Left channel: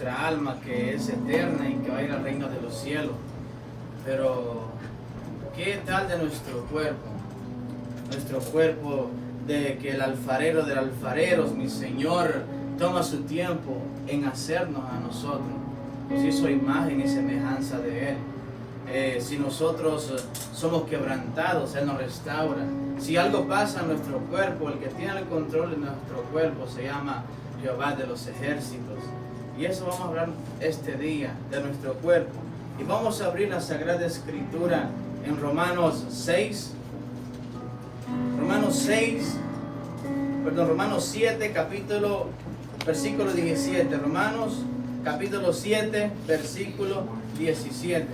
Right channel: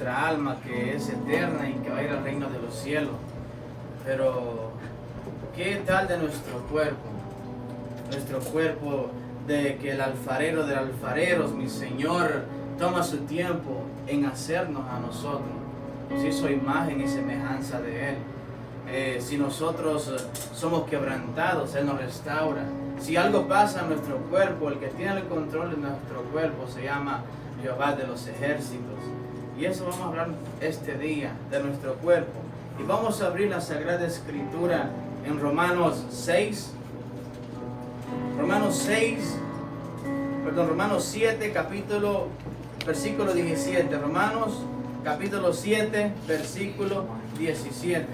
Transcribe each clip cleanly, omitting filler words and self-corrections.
nuestra alma que es eterna y que va a ir al reino de los cielos. Pero, ¿qué tal de nuestro cuerpo? Nuestro cuerpo, de que el alfarero de alfareros, mi Señor, toma su tiempo en hacernos a nosotros. Nos hizo imagen y semejanza de Él. Si nosotros somos quebrantados, Él nos restaura. Si algo pasa en nuestro cuerpo, el que tiene el control de nuestro cuerpo se llama Jehová de los ejércitos. Y eso vamos a hablar este día, de nuestro cuerpo. Y vamos a abrir la Sagrada Escritura en Romanos 7, versículo 17. Romanos capítulo 7, versículo 17.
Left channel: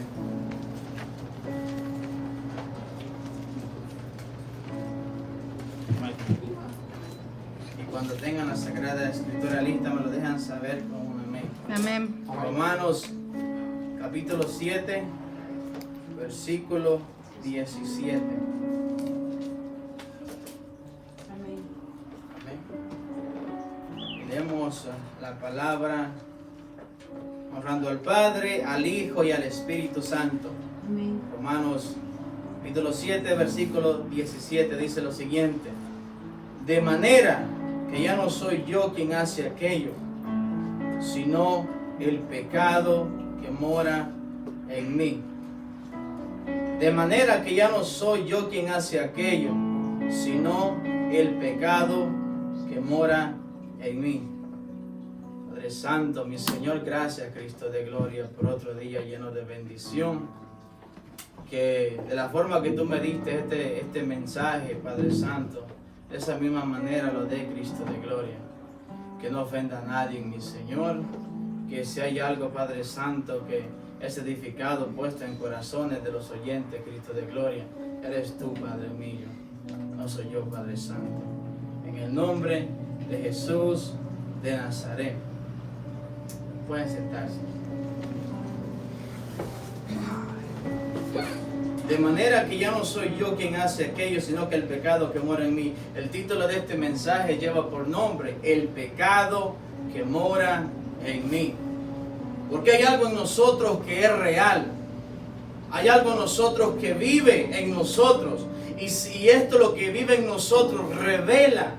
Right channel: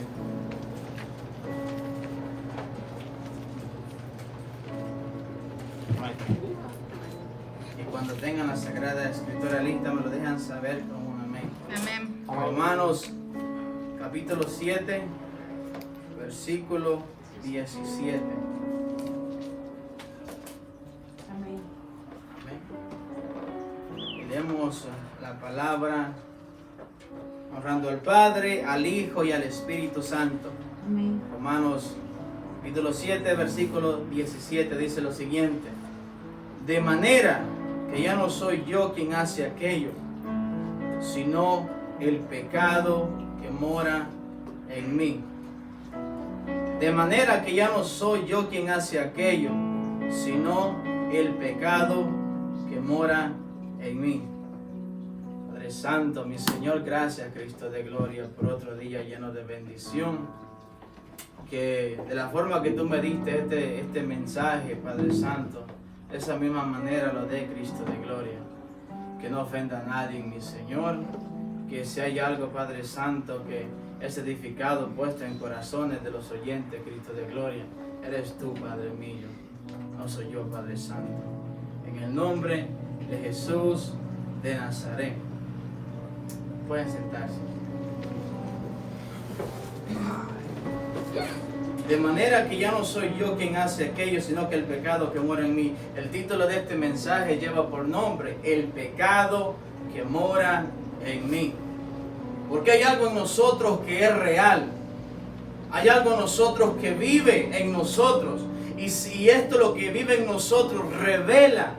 Y cuando tengan la Sagrada Escritura lista, me lo dejan saber con un amén. Amén. Romanos capítulo 7, versículo 17. Amén. Amén. Y leemos la palabra honrando al Padre, al Hijo y al Espíritu Santo. Amén. Romanos capítulo 7, versículo 17 dice lo siguiente: de manera que ya no soy yo quien hace aquello, sino el pecado que mora en mí. De manera que ya no soy yo quien hace aquello, sino el pecado que mora en mí. Padre Santo, mi Señor, gracias, Cristo de gloria, por otro día lleno de bendición. Que de la forma que tú me diste este mensaje, Padre Santo, de esa misma manera lo dé, Cristo de gloria. Que no ofenda a nadie, mi Señor. Que si hay algo, Padre Santo, que es edificado, puesto en corazones de los oyentes, Cristo de gloria, eres tú, Padre mío, no soy yo, Padre Santo. En el nombre de Jesús de Nazaret. Pueden sentarse. De manera que ya no soy yo quien hace aquello, sino que el pecado que mora en mí. El título de este mensaje lleva por nombre: el pecado que mora en mí. Porque hay algo en nosotros que es real. Hay algo en nosotros que vive en nosotros. Y si esto, lo que vive en nosotros, revela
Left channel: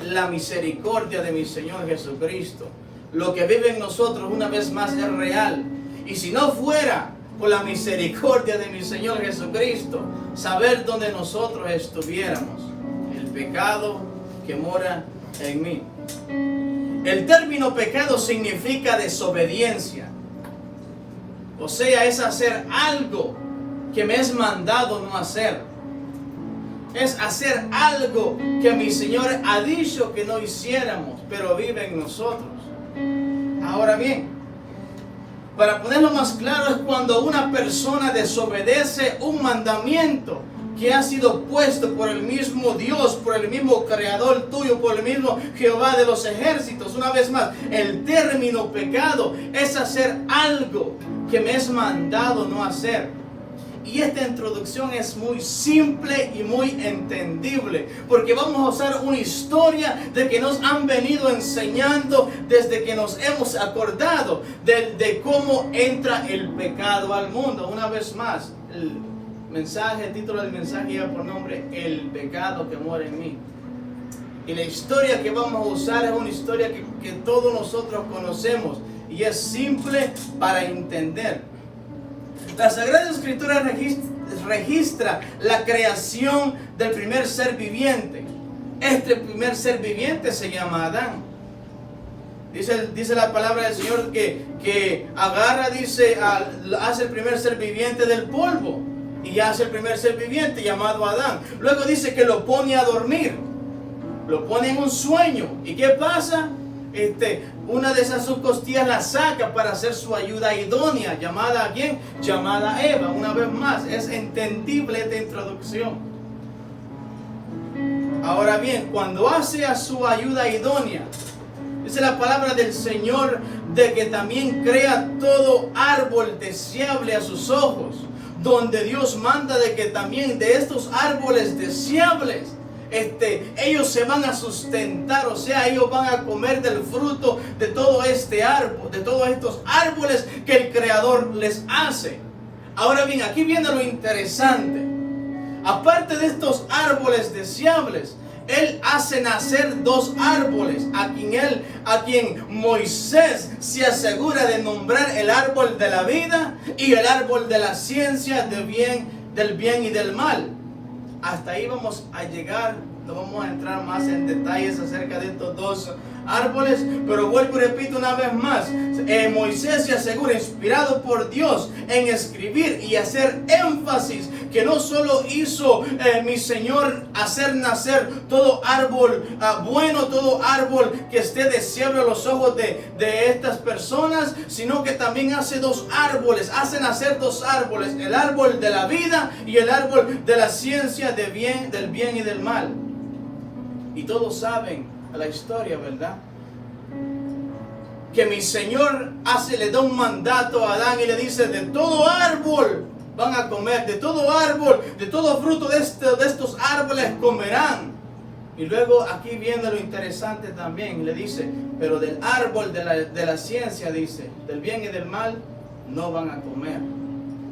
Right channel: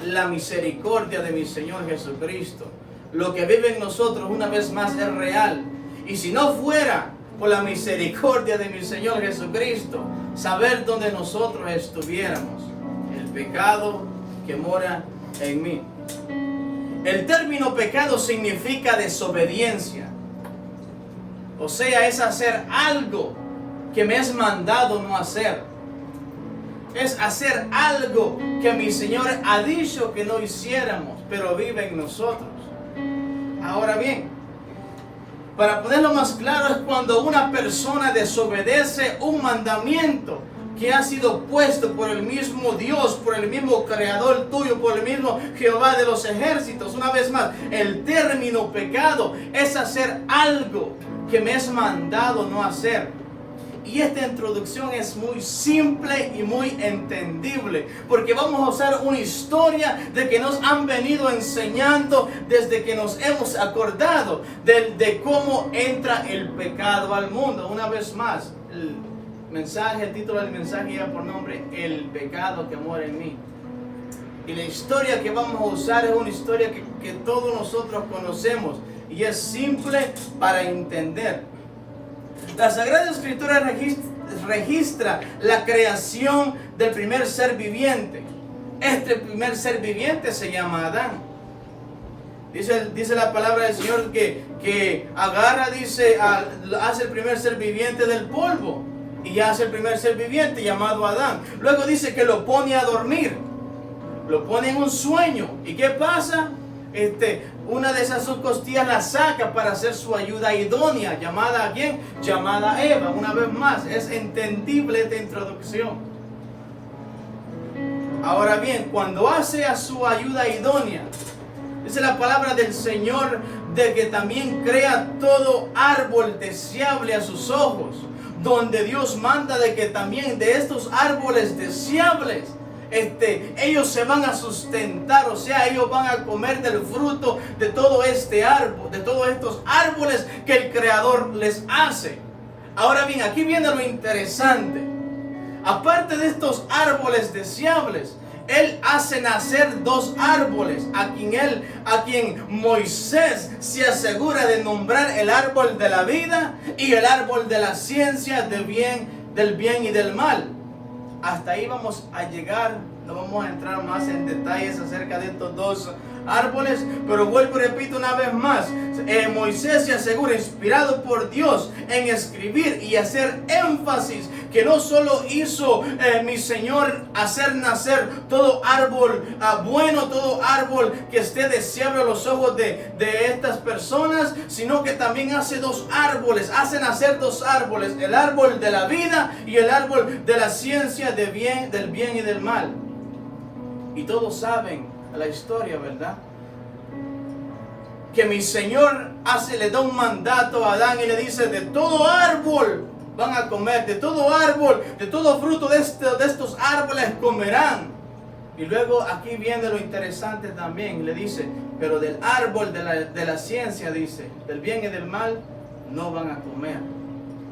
la misericordia de mi Señor Jesucristo. Lo que vive en nosotros, una vez más, es real. Y si no fuera por la misericordia de mi Señor Jesucristo, saber dónde nosotros estuviéramos. El pecado que mora en mí. El término pecado significa desobediencia. O sea, es hacer algo que me es mandado no hacer. Es hacer algo que mi Señor ha dicho que no hiciéramos, pero vive en nosotros. Ahora bien, para ponerlo más claro, es cuando una persona desobedece un mandamiento que ha sido puesto por el mismo Dios, por el mismo Creador tuyo, por el mismo Jehová de los ejércitos. Una vez más, el término pecado es hacer algo que me es mandado no hacer. Y esta introducción es muy simple y muy entendible, porque vamos a usar una historia de que nos han venido enseñando desde que nos hemos acordado de cómo entra el pecado al mundo. Una vez más, el título del mensaje lleva por nombre: el pecado que mora en mí. Y la historia que vamos a usar es una historia que todos nosotros conocemos y es simple para entender. La Sagrada Escritura registra la creación del primer ser viviente. Este primer ser viviente se llama Adán. Dice la palabra del Señor que agarra, hace el primer ser viviente del polvo. Y hace el primer ser viviente llamado Adán. Luego dice que lo pone a dormir. Lo pone en un sueño. ¿Y qué pasa? Una de esas sus costillas la saca para hacer su ayuda idónea. ¿Llamada a quién? Llamada a Eva. Una vez más, es entendible esta introducción. Ahora bien, cuando hace a su ayuda idónea, dice la palabra del Señor de que también crea todo árbol deseable a sus ojos, donde Dios manda de que también de estos árboles deseables ellos se van a sustentar, o sea, ellos van a comer del fruto de todo este árbol, de todos estos árboles que el Creador les hace. Ahora bien, aquí viene lo interesante. Aparte de estos árboles deseables, Él hace nacer dos árboles a quien Moisés se asegura de nombrar: el árbol de la vida y el árbol de la ciencia del bien y del mal. Hasta ahí vamos a llegar. No vamos a entrar más en detalles acerca de estos dos árboles, pero vuelvo y repito una vez más, Moisés se asegura, inspirado por Dios, en escribir y hacer énfasis que no solo hizo mi Señor hacer nacer todo árbol bueno, todo árbol que esté deseable a los ojos de estas personas, sino que también hace hace nacer dos árboles: el árbol de la vida y el árbol de la ciencia del bien y del mal. Y todos saben la historia, ¿verdad? Que mi Señor le da un mandato a Adán y le dice: de todo árbol van a comer, de todo árbol, de todo fruto de estos árboles comerán. Y luego aquí viene lo interesante también, le dice: pero del árbol de la ciencia, dice, del bien y del mal, no van a comer.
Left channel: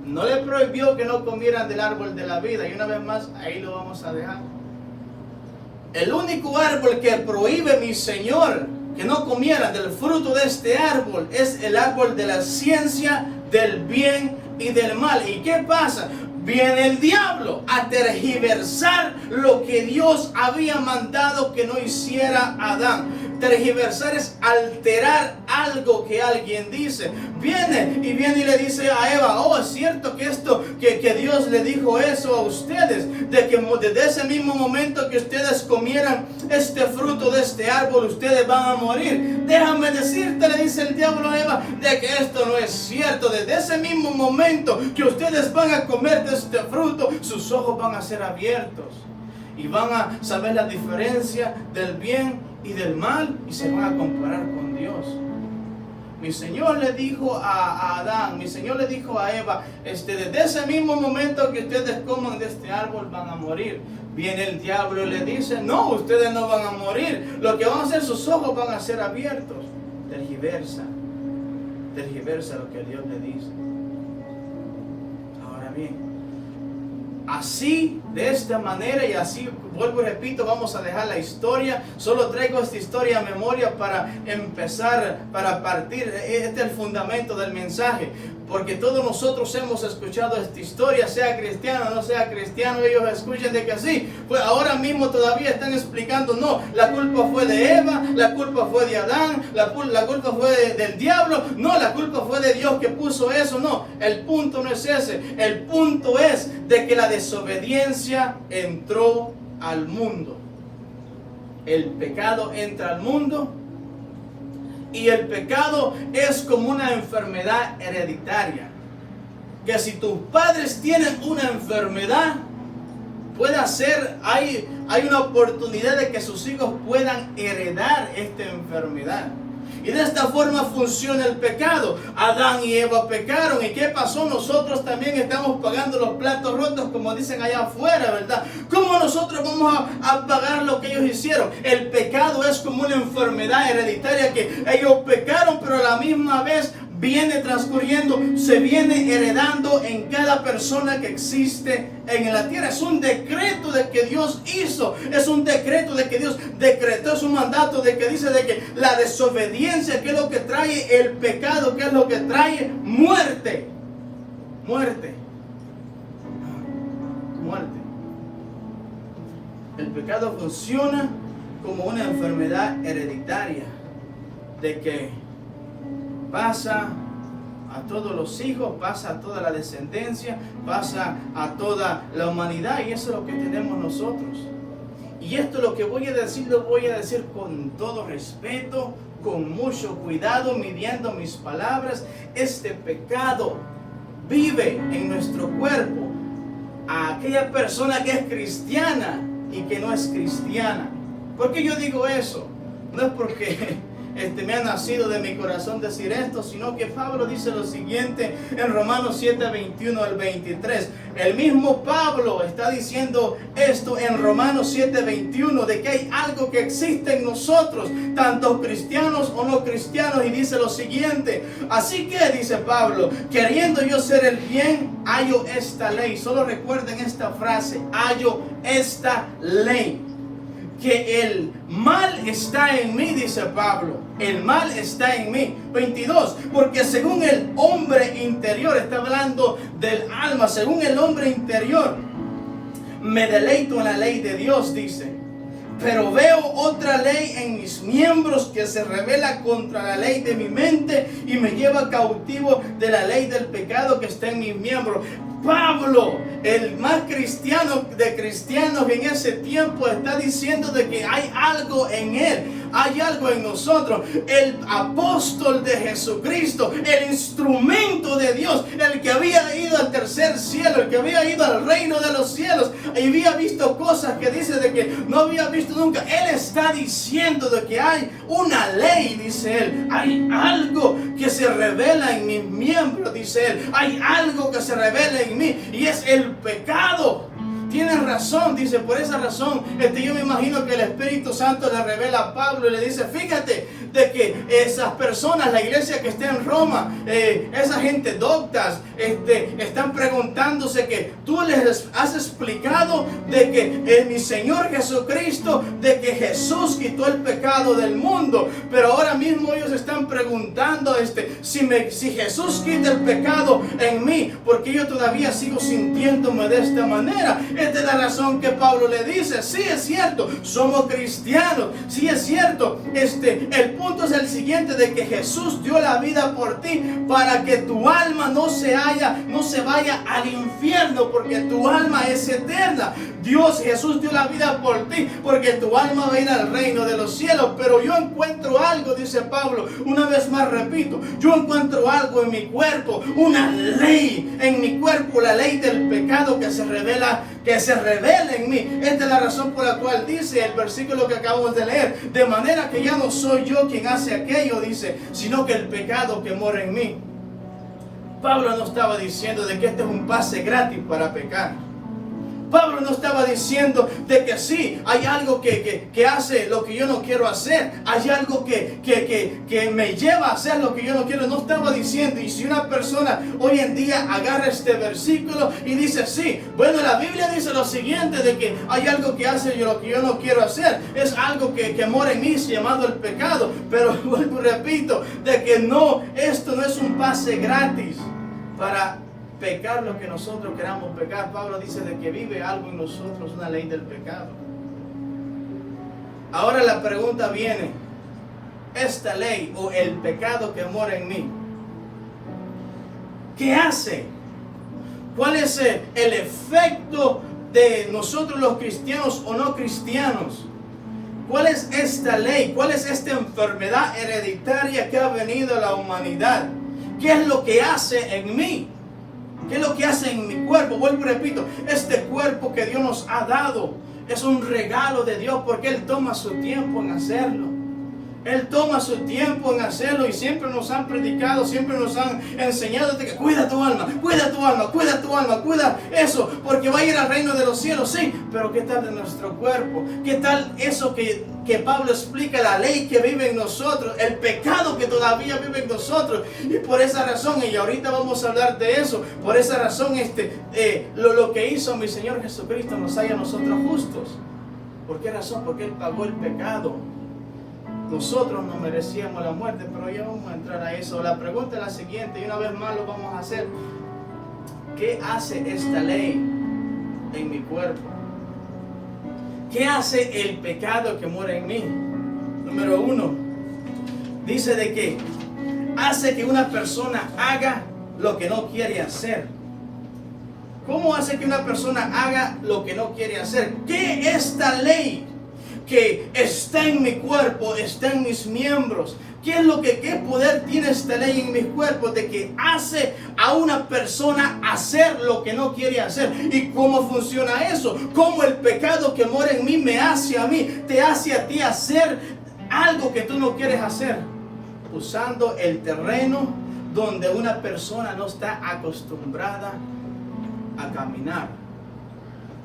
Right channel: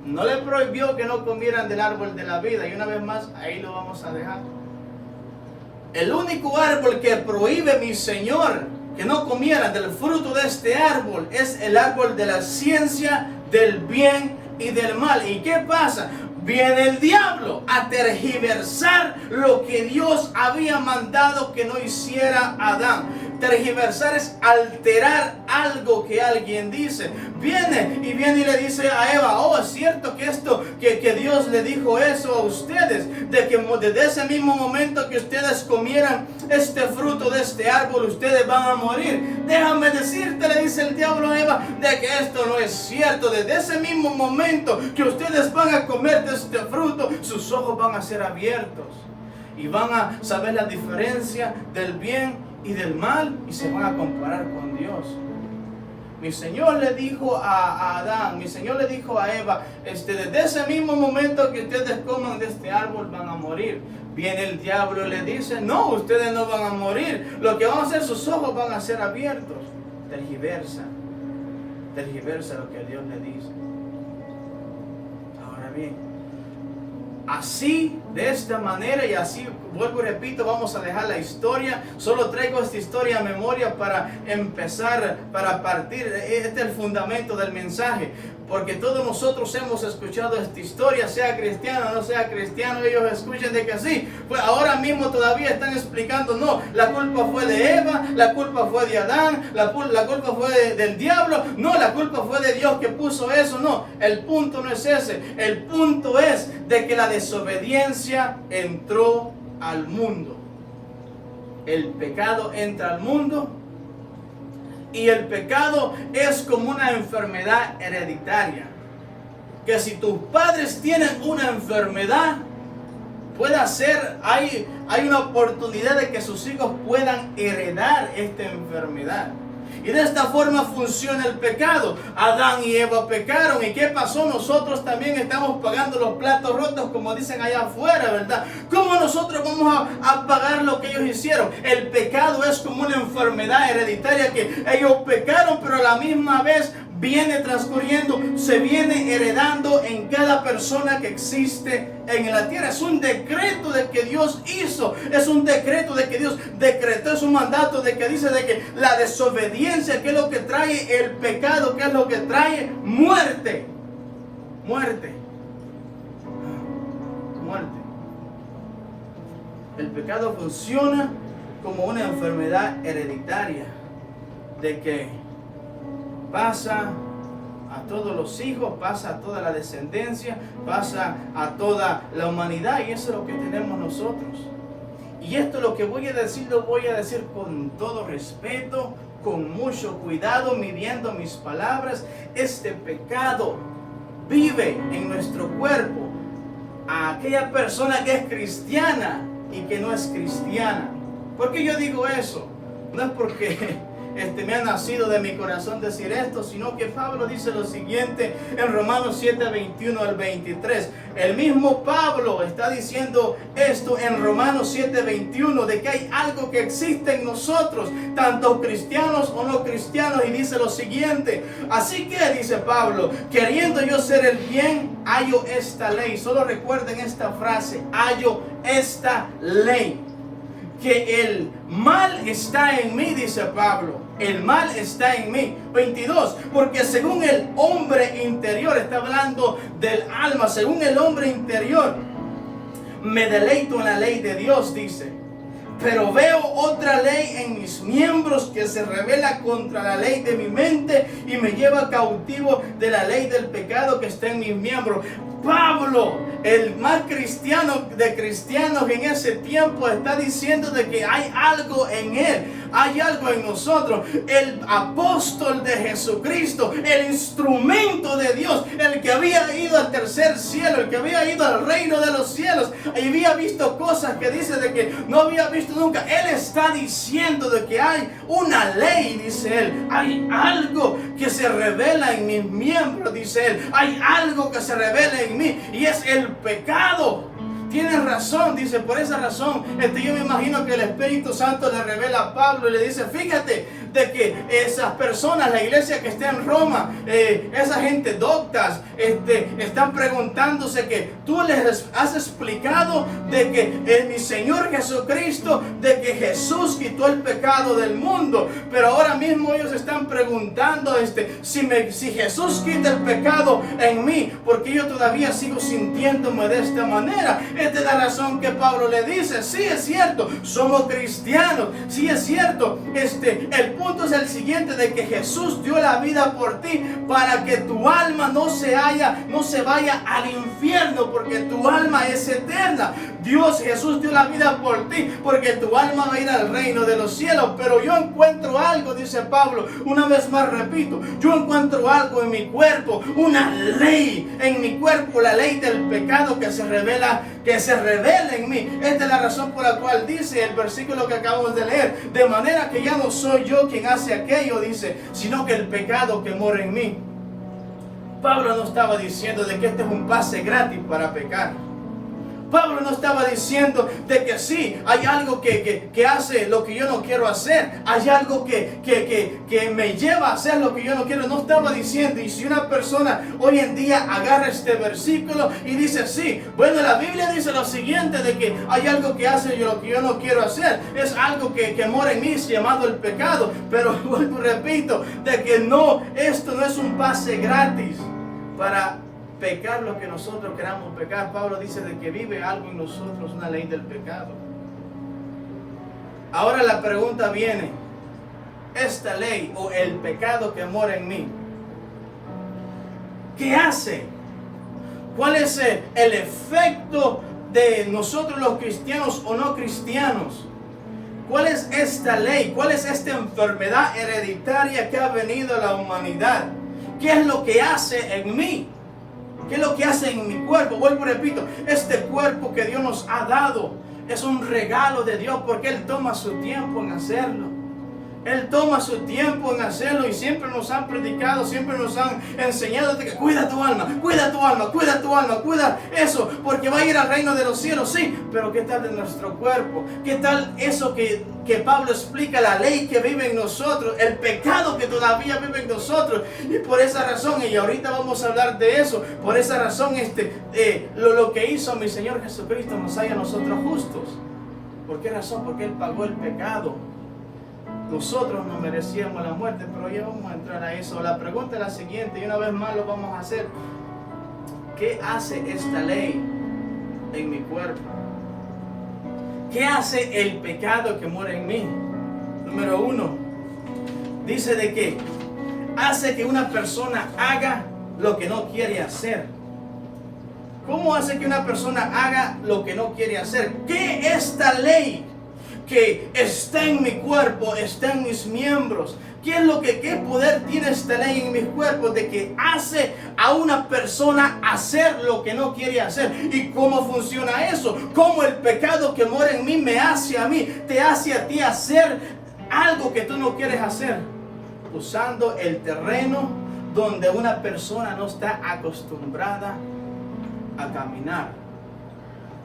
No le prohibió que no comieran del árbol de la vida, y una vez más, ahí lo vamos a dejar. El único árbol que prohíbe mi Señor que no comieran del fruto de este árbol es el árbol de la ciencia del bien y del mal. ¿Y qué pasa? Viene el diablo a tergiversar lo que Dios había mandado que no hiciera Adán. Tergiversar es alterar algo que alguien dice. Viene y le dice a Eva: oh, es cierto que Dios le dijo eso a ustedes, de que desde ese mismo momento que ustedes comieran este fruto de este árbol, ustedes van a morir. Déjame decirte, le dice el diablo a Eva, de que esto no es cierto. Desde ese mismo momento que ustedes van a comer de este fruto, sus ojos van a ser abiertos y van a saber la diferencia del bien y del mal, y se van a comparar con Dios. Mi Señor le dijo a Adán, mi Señor le dijo a Eva, desde ese mismo momento que ustedes coman de este árbol van a morir. Viene el diablo y le dice: no, ustedes no van a morir. Lo que van a hacer, sus ojos van a ser abiertos. Tergiversa lo que Dios le dice. Ahora bien, así, de esta manera, y así, vuelvo y repito, vamos a dejar la historia. Solo traigo esta historia a memoria para empezar, para partir. Este es el fundamento del mensaje, porque todos nosotros hemos escuchado esta historia, sea cristiano o no sea cristiano. Ellos escuchan de que sí, pues ahora mismo todavía están explicando: no, la culpa fue de Eva, la culpa fue de Adán, la culpa fue del diablo, no, la culpa fue de Dios que puso eso. No, el punto no es ese. El punto es de que la desobediencia entró al mundo. El pecado entra al mundo, y el pecado es como una enfermedad hereditaria, que si tus padres tienen una enfermedad, hay una oportunidad de que sus hijos puedan heredar esta enfermedad. Y de esta forma funciona el pecado. Adán y Eva pecaron. ¿Y qué pasó? Nosotros también estamos pagando los platos rotos, como dicen allá afuera, ¿verdad? ¿Cómo nosotros vamos a pagar lo que ellos hicieron? El pecado es como una enfermedad hereditaria, que ellos pecaron, pero a la misma vez viene transcurriendo, se viene heredando en cada persona que existe en la tierra. Es un decreto de que Dios hizo, es un decreto de que Dios decretó, es un mandato de que dice de que la desobediencia, que es lo que trae el pecado, que es lo que trae muerte. El pecado funciona como una enfermedad hereditaria, de que pasa a todos los hijos, pasa a toda la descendencia, pasa a toda la humanidad, y eso es lo que tenemos nosotros. Y esto lo que voy a decir, lo voy a decir con todo respeto, con mucho cuidado, midiendo mis palabras. Este pecado vive en nuestro cuerpo. A aquella persona que es cristiana y que no es cristiana. ¿Por qué yo digo eso? No es porque me ha nacido de mi corazón decir esto, sino que Pablo dice lo siguiente en Romanos 7, 21 al 23. El mismo Pablo está diciendo esto en Romanos 7, 21, de que hay algo que existe en nosotros, tanto cristianos o no cristianos, y dice lo siguiente: así que, dice Pablo, queriendo yo hacer el bien, hallo esta ley. Solo recuerden esta frase: hallo esta ley, que el mal está en mí, dice Pablo. El mal está en mí. 22, porque según el hombre interior, está hablando del alma, según el hombre interior, me deleito en la ley de Dios, dice. Pero veo otra ley en mis miembros que se revela contra la ley de mi mente y me lleva cautivo de la ley del pecado que está en mis miembros. Pablo, el más cristiano de cristianos en ese tiempo, está diciendo de que hay algo en él, hay algo en nosotros. El apóstol de Jesucristo, el instrumento de Dios, el que había ido al tercer cielo, el que había ido al reino de los cielos y había visto cosas que dice de que no había visto nunca. Él está diciendo de que hay una ley, dice él. Hay algo que se revela en mis miembros, dice él. Hay algo que se revela en mí y es el pecado. Tienes razón, dice. Por esa razón yo me imagino que el Espíritu Santo le revela a Pablo y le dice: fíjate de que esas personas, la iglesia que está en Roma, esa gente doctas, están preguntándose que tú les has explicado de que mi Señor Jesucristo, de que Jesús quitó el pecado del mundo, pero ahora mismo ellos están preguntando si Jesús quita el pecado en mí, porque yo todavía sigo sintiéndome de esta manera. Esta es la razón que Pablo le dice: sí, es cierto, somos cristianos, sí, es cierto, el punto es el siguiente, de que Jesús dio la vida por ti para que tu alma no se vaya al infierno, porque tu alma es eterna. Jesús dio la vida por ti porque tu alma va a ir al reino de los cielos. Pero yo encuentro algo, dice Pablo, una vez más repito, yo encuentro algo en mi cuerpo, una ley en mi cuerpo, la ley del pecado que se revela en mí. Esta es la razón por la cual dice el versículo que acabamos de leer: de manera que ya no soy yo quien hace aquello, dice, sino que el pecado que mora en mí. Pablo no estaba diciendo de que este es un pase gratis para pecar. Pablo no estaba diciendo de que sí, hay algo que hace lo que yo no quiero hacer, hay algo que me lleva a hacer lo que yo no quiero. No estaba diciendo. Y si una persona hoy en día agarra este versículo y dice: sí, bueno, la Biblia dice lo siguiente, de que hay algo que hace lo que yo no quiero hacer, es algo que mora en mí, llamado el pecado. Pero vuelvo y repito, de que no, esto no es un pase gratis para pecar lo que nosotros queramos pecar. Pablo dice de que vive algo en nosotros, una ley del pecado. Ahora la pregunta viene: esta ley o el pecado que mora en mí, ¿qué hace? ¿Cuál es el efecto de nosotros los cristianos o no cristianos? ¿Cuál es esta ley? ¿Cuál es esta enfermedad hereditaria que ha venido a la humanidad? ¿Qué es lo que hace en mí? ¿Qué es lo que hace en mi cuerpo? Vuelvo y repito, este cuerpo que Dios nos ha dado es un regalo de Dios, porque Él toma su tiempo en hacerlo. Él toma su tiempo en hacerlo, y siempre nos han predicado, siempre nos han enseñado de que cuida tu alma, cuida tu alma, cuida tu alma, cuida eso, porque va a ir al reino de los cielos. Sí, pero ¿qué tal de nuestro cuerpo? ¿Qué tal eso que Pablo explica, la ley que vive en nosotros, el pecado que todavía vive en nosotros? Y por esa razón, y ahorita vamos a hablar de eso, por esa razón lo que hizo mi Señor Jesucristo nos haya a nosotros justos. ¿Por qué razón? Porque Él pagó el pecado. Nosotros no merecíamos la muerte, pero ya vamos a entrar a eso. La pregunta es la siguiente, y una vez más lo vamos a hacer: ¿qué hace esta ley en mi cuerpo? ¿Qué hace el pecado que mora en mí? Número 1, dice de que hace que una persona haga lo que no quiere hacer. ¿Cómo hace que una persona haga lo que no quiere hacer? ¿Qué esta ley que está en mi cuerpo, está en mis miembros? ¿Qué poder tiene esta ley en mis cuerpos? De que hace a una persona hacer lo que no quiere hacer. ¿Y cómo funciona eso? ¿Cómo el pecado que mora en mí me hace a mí, te hace a ti hacer algo que tú no quieres hacer, usando el terreno donde una persona no está acostumbrada a caminar.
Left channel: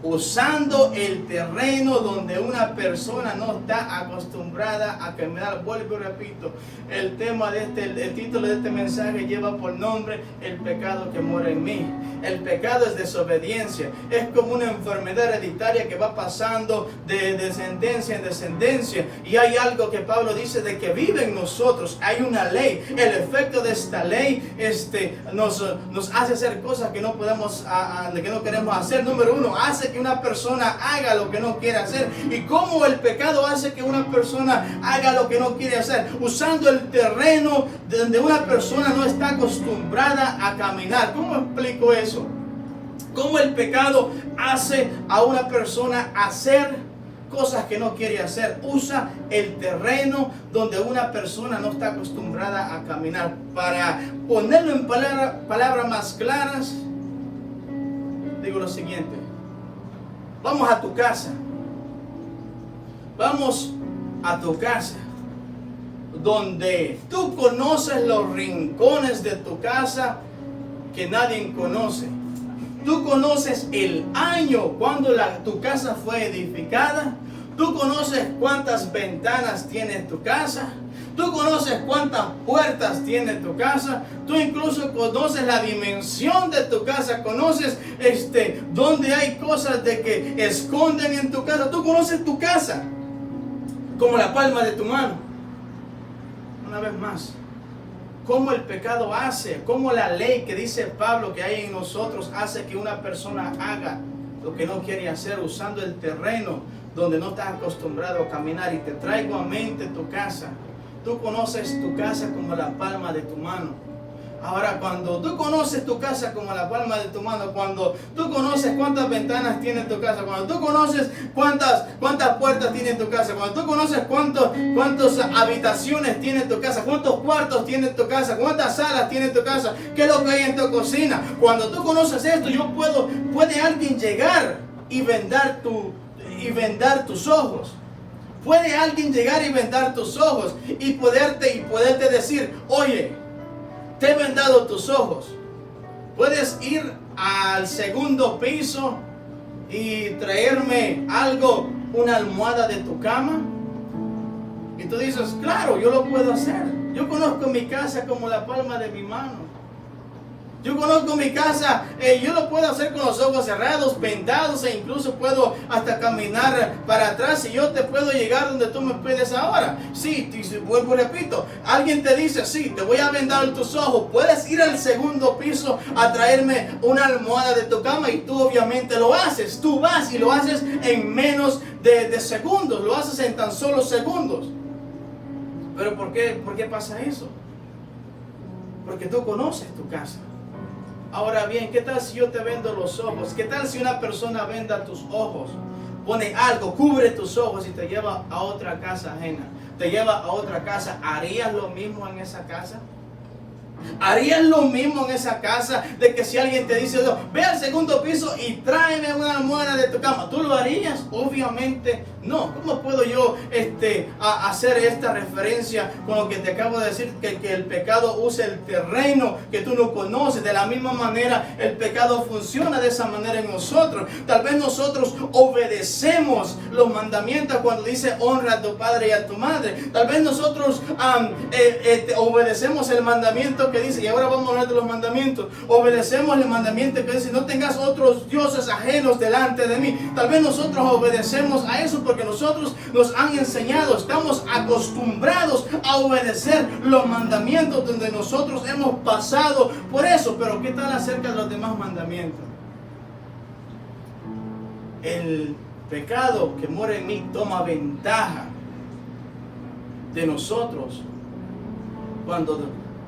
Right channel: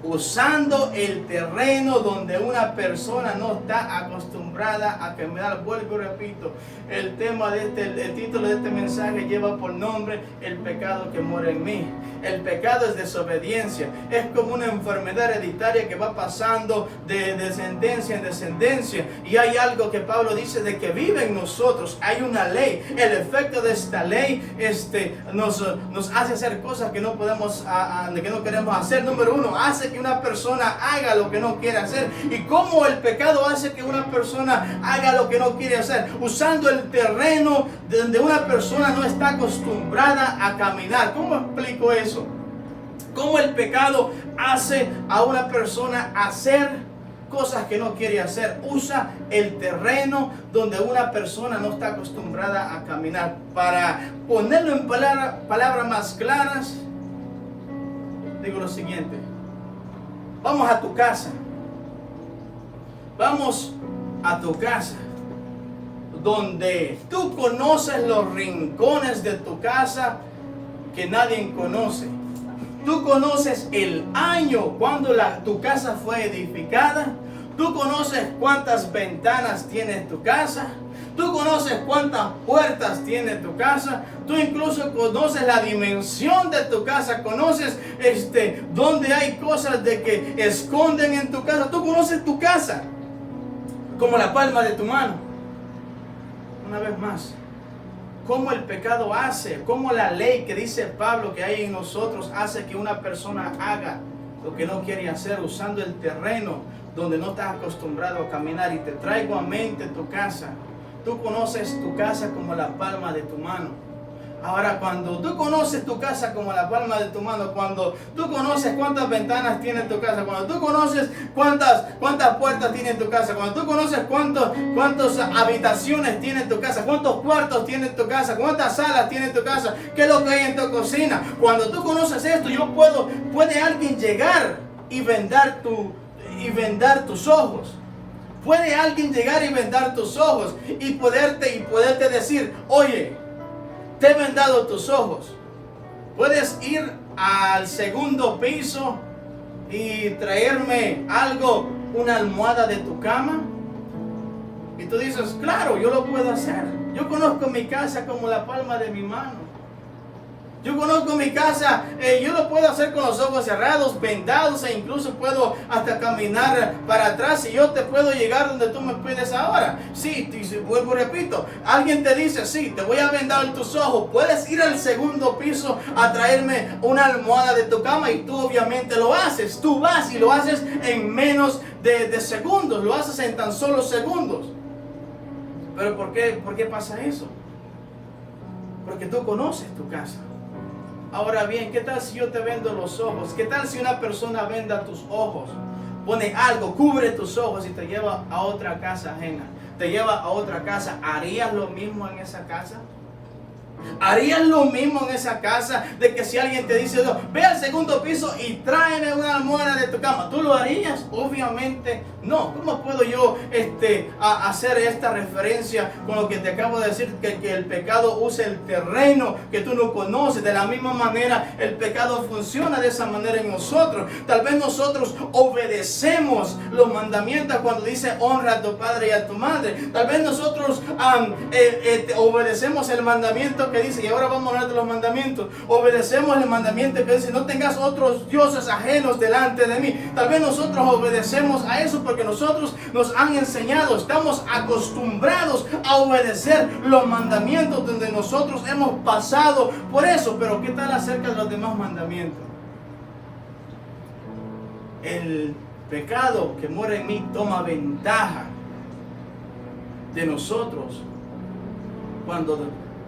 Usando el terreno donde una persona no está acostumbrada a caminar. Vuelvo y repito, el título de este mensaje lleva por nombre el pecado que mora en mí. El pecado es desobediencia, es como una enfermedad hereditaria que va pasando de descendencia en descendencia, y hay algo que Pablo dice de que vive en nosotros. Hay una ley. El efecto de esta ley nos hace hacer cosas que no podemos, que no queremos hacer. Número uno, hace que una persona haga lo que no quiere hacer. ¿Y cómo el pecado hace que una persona haga lo que no quiere hacer? Usando el terreno donde una persona no está acostumbrada a caminar. ¿Cómo explico eso? ¿Cómo el pecado hace a una persona hacer cosas que no quiere hacer? Usa el terreno donde una persona no está acostumbrada a caminar. Para ponerlo en palabras más claras, digo lo siguiente. Vamos a tu casa. Vamos a tu casa, donde tú conoces los rincones de tu casa que nadie conoce. Tú conoces el año cuando tu casa fue edificada. Tú conoces cuántas ventanas tiene tu casa. Tú conoces cuántas puertas tiene tu casa. Tú incluso conoces la dimensión de tu casa. Conoces donde hay cosas de que esconden en tu casa. Tú conoces tu casa como la palma de tu mano. Una vez más, cómo el pecado hace, cómo la ley que dice Pablo que hay en nosotros hace que una persona haga lo que no quiere hacer, usando el terreno donde no estás acostumbrado a caminar. Y te traigo a mente tu casa. Tú conoces tu casa como la palma de tu mano. Ahora, cuando tú conoces tu casa como la palma de tu mano, cuando tú conoces cuántas ventanas tiene tu casa, cuando tú conoces cuántas puertas tiene tu casa, cuando tú conoces cuántas habitaciones tiene tu casa, cuántos cuartos tiene tu casa, cuántas salas tiene tu casa, qué es lo que hay en tu cocina, cuando tú conoces esto, puede alguien llegar y vendar tus ojos. Puede alguien llegar y vendar tus ojos y poderte decir: oye, te he vendado tus ojos. Puedes ir al segundo piso y traerme algo, una almohada de tu cama. Y tú dices: claro, yo lo puedo hacer. Yo conozco mi casa como la palma de mi mano. Yo conozco mi casa, yo lo puedo hacer con los ojos cerrados, vendados, e incluso puedo hasta caminar para atrás, y yo te puedo llegar donde tú me pides ahora. Sí, vuelvo y repito, alguien te dice: sí, te voy a vendar tus ojos, puedes ir al segundo piso a traerme una almohada de tu cama, y tú obviamente lo haces. Tú vas y lo haces en menos de segundos, lo haces en tan solo segundos. ¿Pero por qué pasa eso? Porque tú conoces tu casa. Ahora bien, ¿qué tal si yo te vendo los ojos? ¿Qué tal si una persona venda tus ojos? Pone algo, cubre tus ojos y te lleva a otra casa ajena. Te lleva a otra casa. ¿Harías lo mismo en esa casa? ¿Harías lo mismo en esa casa? De que si alguien te dice: no, ve al segundo piso y tráeme una almohada de tu cama, ¿tú lo harías? Obviamente no. ¿Cómo puedo yo hacer esta referencia con lo que te acabo de decir? Que el pecado usa el terreno que tú no conoces. De la misma manera el pecado funciona de esa manera en nosotros. Tal vez nosotros obedecemos los mandamientos cuando dice: honra a tu padre y a tu madre. Tal vez nosotros obedecemos el mandamiento que dice, y ahora vamos a hablar de los mandamientos, obedecemos el mandamiento que dice: no tengas otros dioses ajenos delante de mí. Tal vez nosotros obedecemos a eso porque nosotros nos han enseñado, estamos acostumbrados a obedecer los mandamientos donde nosotros hemos pasado por eso. Pero ¿qué tal acerca de los demás mandamientos? El pecado que mora en mí toma ventaja de nosotros cuando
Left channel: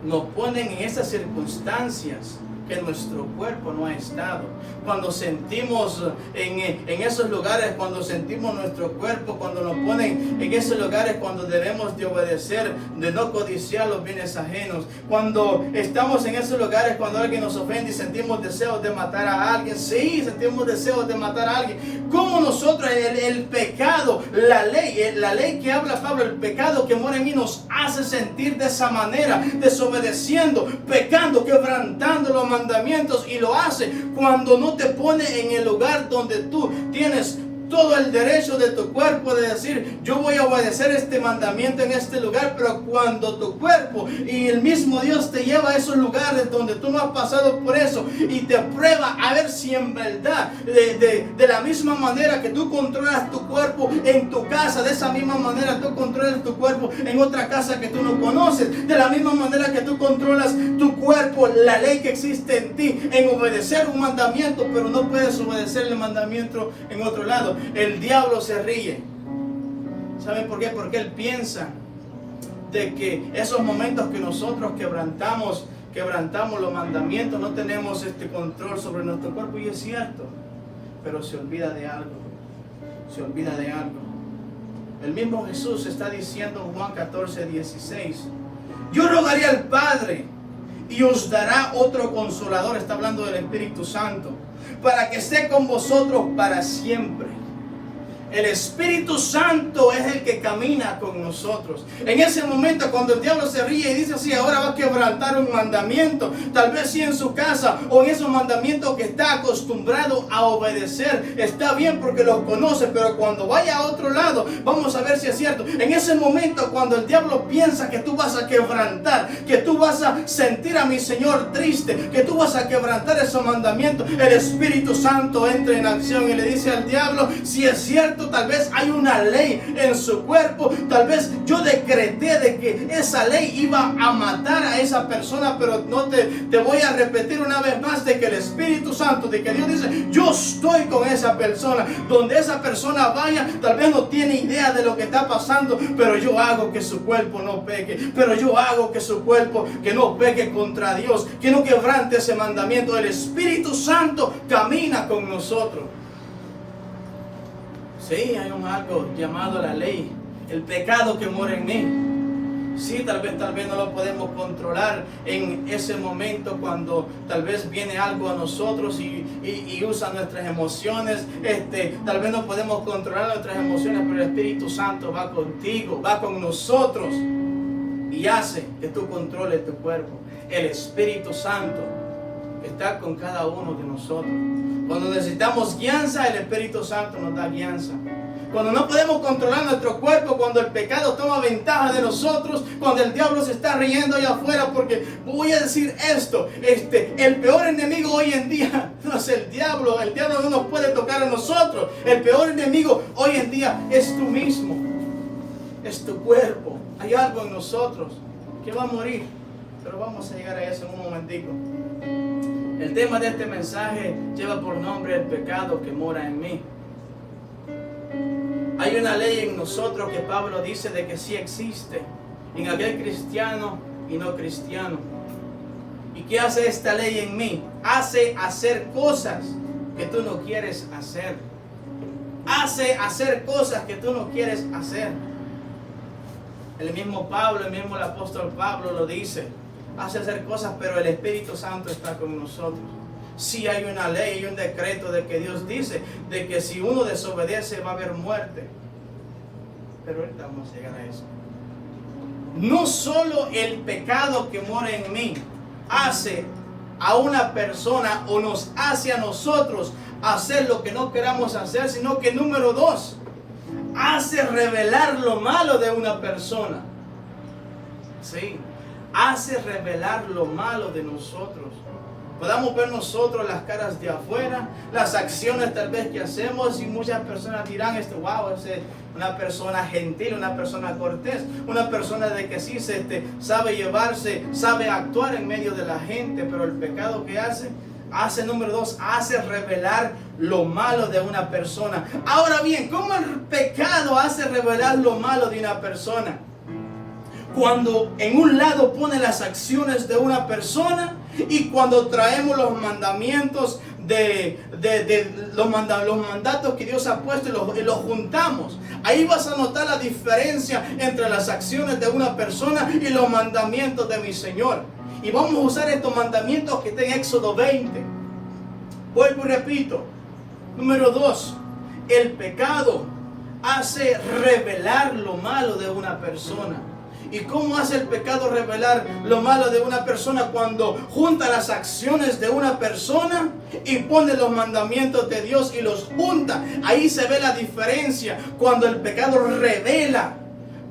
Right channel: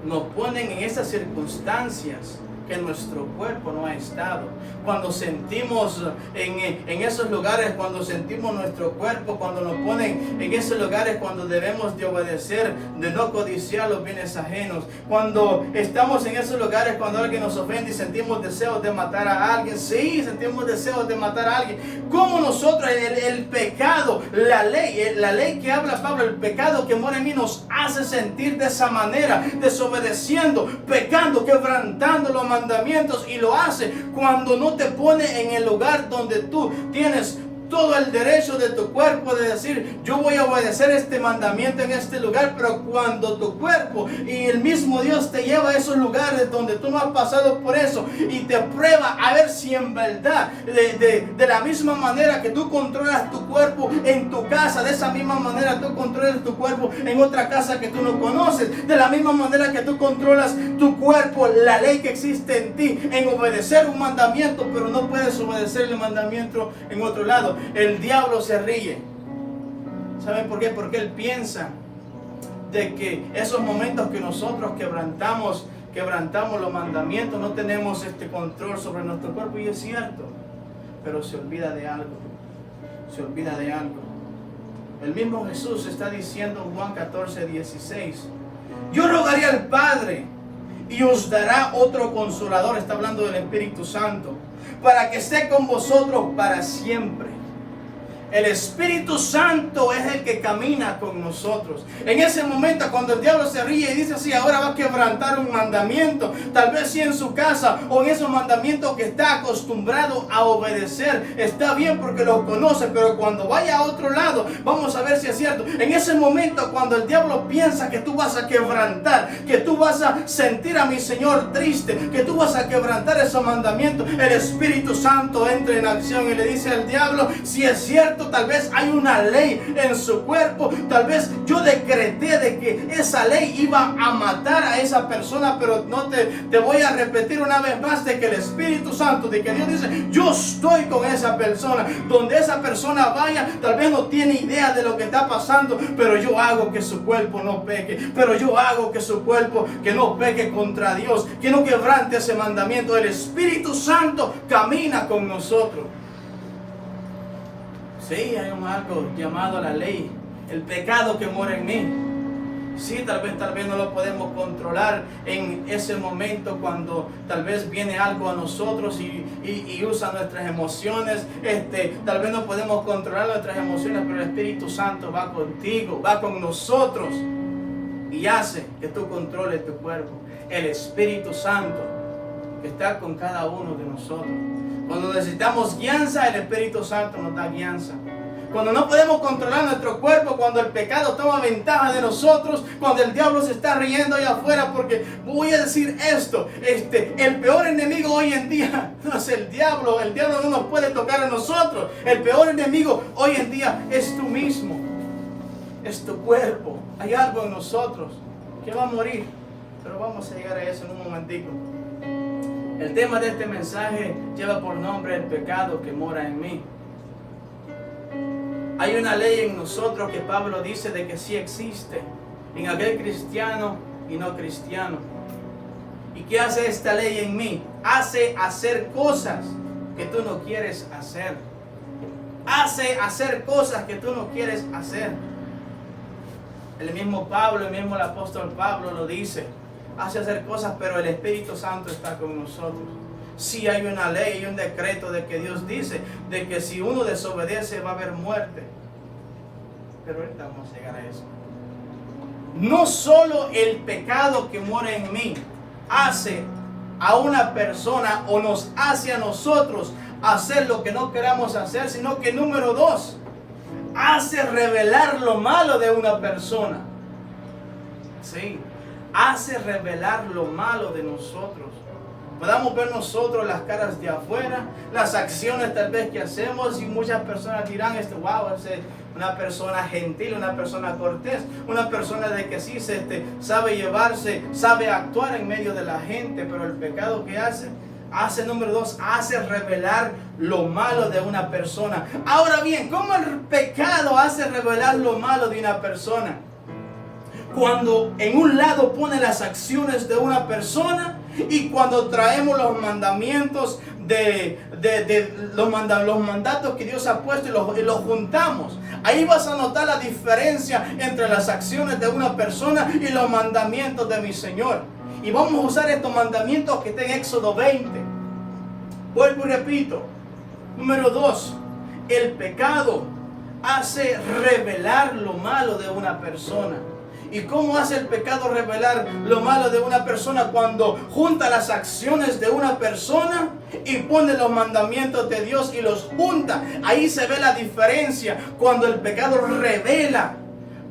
nos ponen en esas circunstancias que nuestro cuerpo no ha estado. Cuando sentimos en esos lugares, cuando sentimos nuestro cuerpo, cuando nos ponen en esos lugares, cuando debemos de obedecer, de no codiciar los bienes ajenos, cuando estamos en esos lugares, cuando alguien nos ofende y sentimos deseos de matar a alguien, sí, sentimos deseos de matar a alguien. Como nosotros, el pecado, la ley que habla Pablo, el pecado que mora en mí nos hace sentir de esa manera, desobedeciendo, pecando, quebrantando los mandamientos, y lo hace cuando no te pone en el lugar donde tú tienes todo el derecho de tu cuerpo de decir, yo voy a obedecer este mandamiento en este lugar. Pero cuando tu cuerpo y el mismo Dios te lleva a esos lugares donde tú no has pasado por eso y te prueba a ver si en verdad, de la misma manera que tú controlas tu cuerpo en tu casa, de esa misma manera tú controlas tu cuerpo en otra casa que tú no conoces, de la misma manera que tú controlas tu cuerpo, la ley que existe en ti, en obedecer un mandamiento, pero no puedes obedecer el mandamiento en otro lado. El diablo se ríe. ¿Saben por qué? Porque él piensa de que esos momentos que nosotros quebrantamos los mandamientos, no tenemos este control sobre nuestro cuerpo, y es cierto, pero se olvida de algo. Se olvida de algo. El mismo Jesús está diciendo en Juan 14:16, yo rogaré al Padre y os dará otro consolador, está hablando del Espíritu Santo, para que esté con vosotros para siempre. El Espíritu Santo es el que camina con nosotros. En ese momento, cuando el diablo se ríe y dice, sí, ahora va a quebrantar un mandamiento, tal vez sí en su casa o en esos mandamientos que está acostumbrado a obedecer, está bien porque los conoce, pero cuando vaya a otro lado, vamos a ver si es cierto. En ese momento, cuando el diablo piensa que tú vas a quebrantar, que tú vas a sentir a mi Señor triste, que tú vas a quebrantar esos mandamientos, el Espíritu Santo entra en acción y le dice al diablo, si es cierto, tal vez hay una ley en su cuerpo, tal vez yo decreté de que esa ley iba a matar a esa persona, pero no te voy a repetir una vez más de que el Espíritu Santo, de que Dios dice, yo estoy con esa persona, donde esa persona vaya, tal vez no tiene idea de lo que está pasando, pero yo hago que su cuerpo no peque, pero yo hago que su cuerpo que no peque contra Dios, que no quebrante ese mandamiento. El Espíritu Santo camina con nosotros. Sí, hay algo llamado la ley, el pecado que mora en mí. Sí, tal vez no lo podemos controlar en ese momento cuando tal vez viene algo a nosotros y usa nuestras emociones. Tal vez no podemos controlar nuestras emociones, pero el Espíritu Santo va contigo, va con nosotros y hace que tú controles tu cuerpo. El Espíritu Santo está con cada uno de nosotros. Cuando necesitamos guianza, el Espíritu Santo nos da guianza. Cuando no podemos controlar nuestro cuerpo, cuando el pecado toma ventaja de nosotros, cuando el diablo se está riendo allá afuera, porque voy a decir esto, el peor enemigo hoy en día no es el diablo no nos puede tocar a nosotros. El peor enemigo hoy en día es tú mismo, es tu cuerpo. Hay algo en nosotros que va a morir, pero vamos a llegar a eso en un momentico. El tema de este mensaje lleva por nombre el pecado que mora en mí. Hay una ley en nosotros que Pablo dice de que sí existe en aquel cristiano y no cristiano. ¿Y qué hace esta ley en mí? Hace hacer cosas que tú no quieres hacer. Hace hacer cosas que tú no quieres hacer. El mismo Pablo, el mismo apóstol Pablo lo dice. Hace hacer cosas, pero el Espíritu Santo está con nosotros. Sí hay una ley, hay un decreto de que Dios dice de que si uno desobedece va a haber muerte. Pero ahorita vamos a llegar a eso. No solo el pecado que mora en mí hace a una persona o nos hace a nosotros hacer lo que no queramos hacer, sino que número 2, hace revelar lo malo de una persona. Sí, hace revelar lo malo de nosotros. Podamos ver nosotros las caras de afuera, las acciones tal vez que hacemos, y muchas personas dirán, wow, es una persona gentil, una persona cortés, una persona de que sí sabe llevarse, sabe actuar en medio de la gente, pero el pecado que hace número 2, hace revelar lo malo de una persona. Ahora bien, ¿cómo el pecado hace revelar lo malo de una persona? Cuando en un lado pone las acciones de una persona Y cuando traemos los mandamientos los mandatos que Dios ha puesto y los juntamos, ahí vas a notar la diferencia entre las acciones de una persona y los mandamientos de mi Señor. Y vamos a usar estos mandamientos que están en Éxodo 20. Vuelvo y repito. Número 2. El pecado hace revelar lo malo de una persona. ¿Y cómo hace el pecado revelar lo malo de una persona? Cuando junta las acciones de una persona y pone los mandamientos de Dios y los junta. Ahí se ve la diferencia cuando el pecado revela.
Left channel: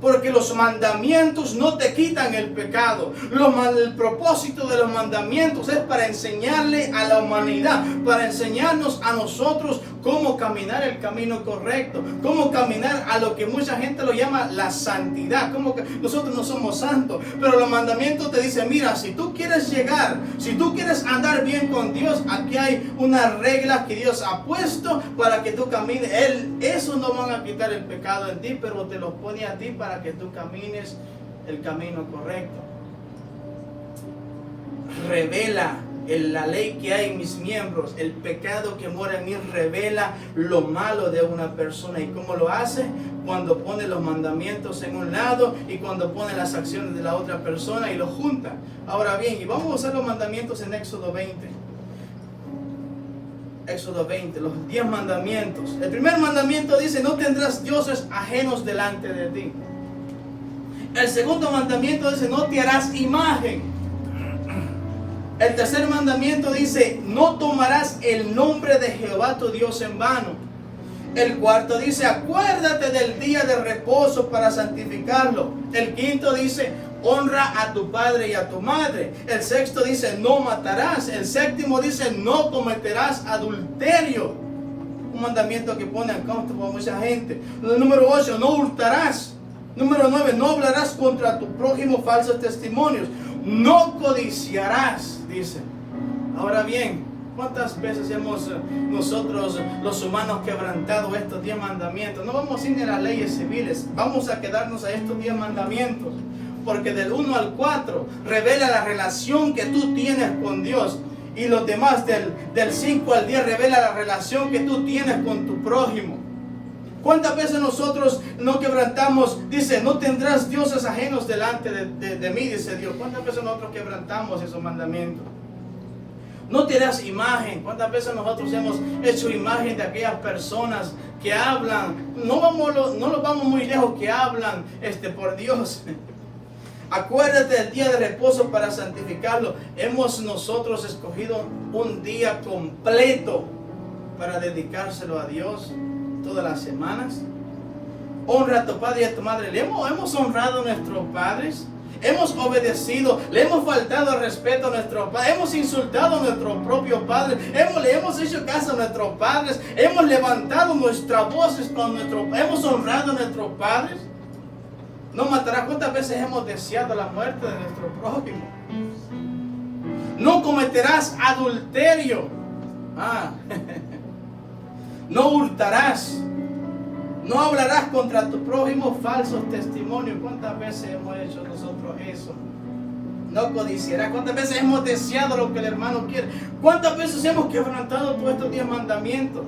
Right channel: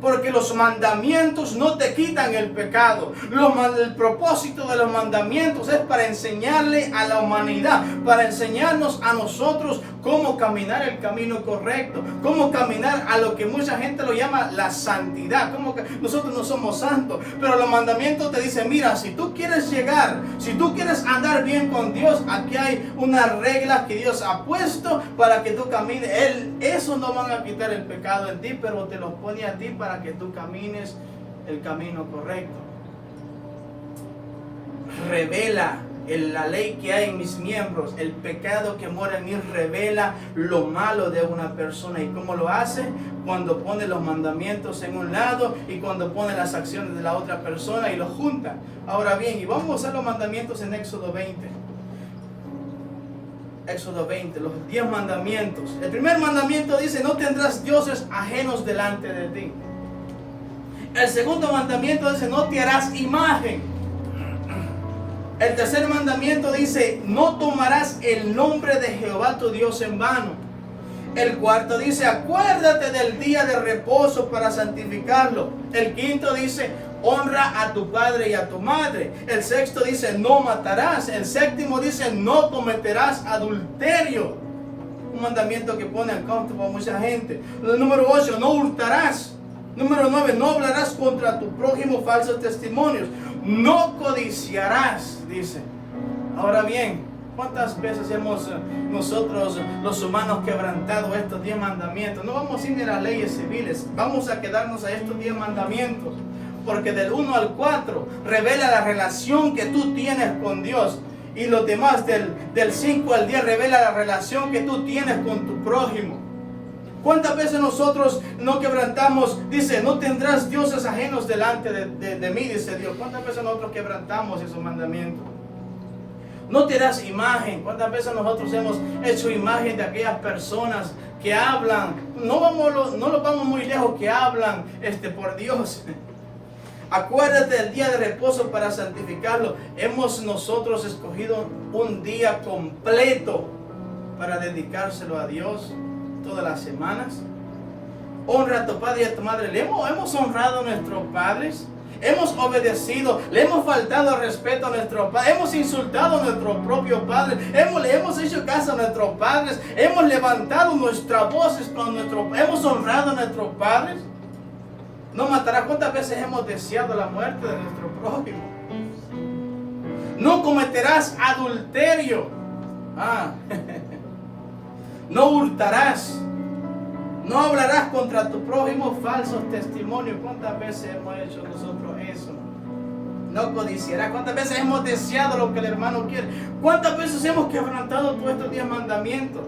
Porque los mandamientos no te quitan el pecado. El propósito de los mandamientos es para enseñarle a la humanidad, para enseñarnos a nosotros cómo caminar el camino correcto, cómo caminar a lo que mucha gente lo llama la santidad. Como que nosotros no somos santos, pero los mandamientos te dicen, mira, si tú quieres llegar, si tú quieres andar bien con Dios, aquí hay unas reglas que Dios ha puesto para que tú camines. Eso no van a quitar el pecado en ti, pero te lo pone a ti para que tú camines el camino correcto. Revela la ley que hay en mis miembros, el pecado que mora en mí revela lo malo de una persona. ¿Y cómo lo hace? Cuando pone los mandamientos en un lado y cuando pone las acciones de la otra persona y los junta. Ahora bien, y vamos a usar los mandamientos en Éxodo 20. Éxodo 20, los 10 mandamientos. El primer mandamiento dice, no tendrás dioses ajenos delante de ti. El segundo mandamiento dice, no te harás imagen. El tercer mandamiento dice, no tomarás el nombre de Jehová tu Dios en vano. El cuarto dice, acuérdate del día de reposo para santificarlo. El quinto dice, honra a tu padre y a tu madre. El sexto dice, no matarás. El séptimo dice, no cometerás adulterio. Un mandamiento que pone en contra para mucha gente. El número 8, no hurtarás. Número 9, no hablarás contra tu prójimo falsos testimonios. No codiciarás, dice. Ahora bien, ¿cuántas veces hemos nosotros los humanos quebrantado estos 10 mandamientos? No vamos a ir a las leyes civiles, vamos a quedarnos a estos 10 mandamientos. Porque del 1 al 4 revela la relación que tú tienes con Dios. Y los demás del 5 al 10 revela la relación que tú tienes con tu prójimo. ¿Cuántas veces nosotros no quebrantamos? Dice, no tendrás dioses ajenos delante de mí, dice Dios. ¿Cuántas veces nosotros quebrantamos esos mandamientos? No te das imagen. ¿Cuántas veces nosotros hemos hecho imagen de aquellas personas que hablan? No nos vamos muy lejos, que hablan por Dios. Acuérdate del día de reposo para santificarlo. Hemos nosotros escogido un día completo para dedicárselo a Dios. Todas las semanas. Honra a tu padre y a tu madre. Hemos honrado a nuestros padres. Hemos obedecido. Le hemos faltado respeto a nuestros padres. Hemos insultado a nuestro propio padre. Le hemos hecho caso a nuestros padres. Hemos levantado nuestras voces con hemos honrado a nuestros padres. No matarás. ¿Cuántas veces hemos deseado la muerte de nuestro prójimo? No cometerás adulterio. No hurtarás. No hablarás contra tu prójimo falsos testimonios. ¿Cuántas veces hemos hecho nosotros eso? No codiciarás. ¿Cuántas veces hemos deseado lo que el hermano quiere? ¿Cuántas veces hemos quebrantado todos estos 10 mandamientos?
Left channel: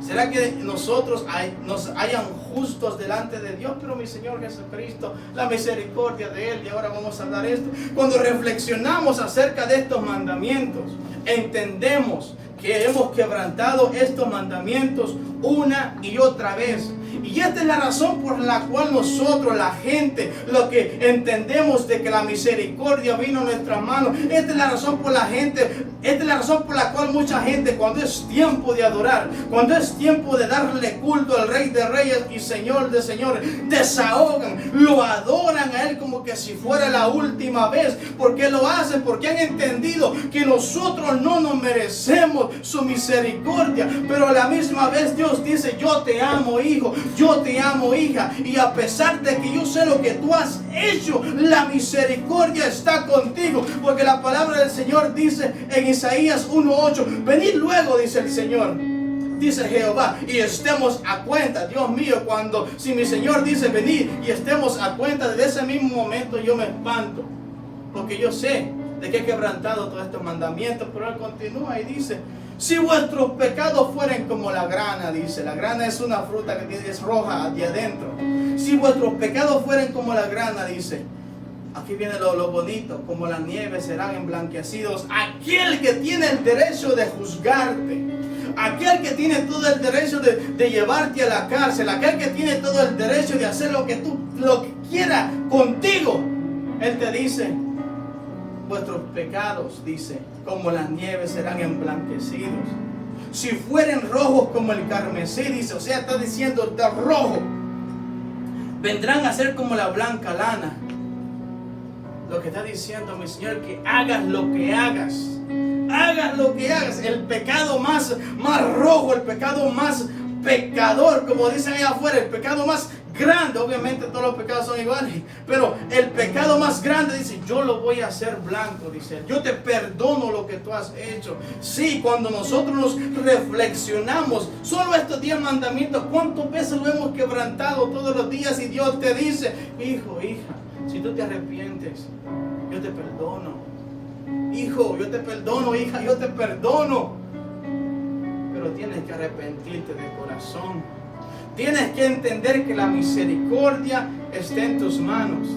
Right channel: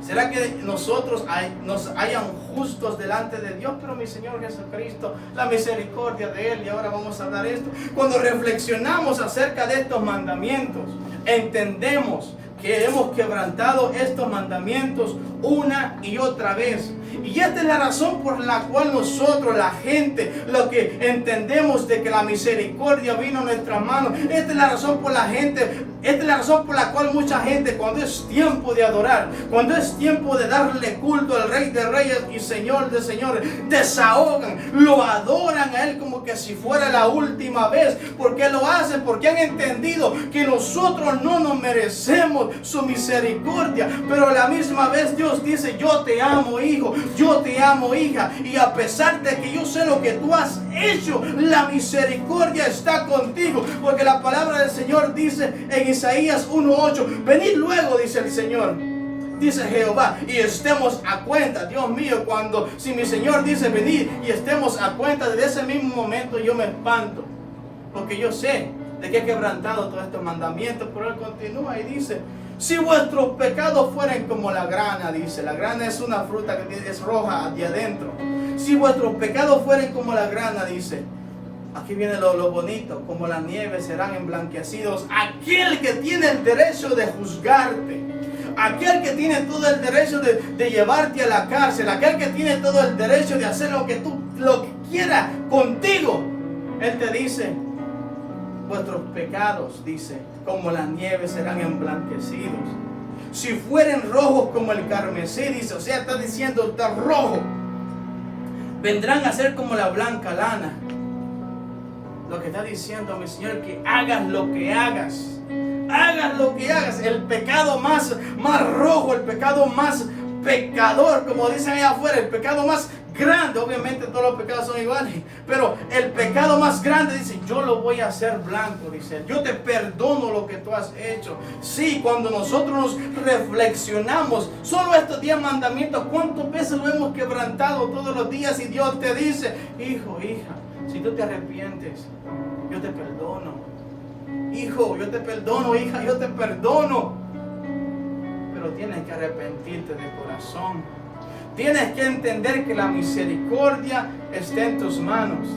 ¿Será que nosotros nos hayan justos delante de Dios? Pero mi Señor Jesucristo, la misericordia de Él. Y ahora vamos a hablar esto. Cuando reflexionamos acerca de estos mandamientos, entendemos que hemos quebrantado estos mandamientos una y otra vez. Y esta es la razón por la cual nosotros, la gente, lo que entendemos de que la misericordia vino a nuestras manos. Esta es la razón por la cual mucha gente, cuando es tiempo de adorar, cuando es tiempo de darle culto al Rey de Reyes y Señor de Señores, desahogan, lo adoran a Él como que si fuera la última vez. ¿Por qué lo hacen? Porque han entendido que nosotros no nos merecemos su misericordia, pero a la misma vez Dios dice, yo te amo, hijo, yo te amo, hija, y a pesar de que yo sé lo que tú has hecho, la misericordia está contigo, porque la palabra del Señor dice en Isaías 1:8, venid luego, dice el Señor, dice Jehová, y estemos a cuenta. Dios mío, si mi Señor dice venid y estemos a cuenta, desde ese mismo momento yo me espanto, porque yo sé de que he quebrantado todos estos mandamientos. Pero Él continúa y dice, si vuestros pecados fueren como la grana, dice, la grana es una fruta que es roja de adentro. Si vuestros pecados fueren como la grana, dice, aquí viene lo bonito, como la nieve serán emblanquecidos. Aquel que tiene el derecho de juzgarte, aquel que tiene todo el derecho de llevarte a la cárcel, aquel que tiene todo el derecho de hacer lo que quiera contigo, Él te dice, vuestros pecados, dice, como la nieve serán emblanquecidos. Si fueren rojos como el carmesí, dice, o sea, está diciendo, está rojo, vendrán a ser como la blanca lana. Lo que está diciendo mi Señor, que hagas lo que hagas. Hagas lo que hagas. El pecado más rojo, el pecado más pecador, como dicen allá afuera, el pecado más grande. Obviamente todos los pecados son iguales, pero el pecado más grande, dice, yo lo voy a hacer blanco, dice, yo te perdono lo que tú has hecho. Sí, cuando nosotros nos reflexionamos, solo estos 10 mandamientos, ¿cuántas veces lo hemos quebrantado todos los días? Y Dios te dice, hijo, hija, si tú te arrepientes, yo te perdono. Hijo, yo te perdono. Hija, yo te perdono. Pero tienes que arrepentirte de corazón. Tienes que entender que la misericordia está en tus manos.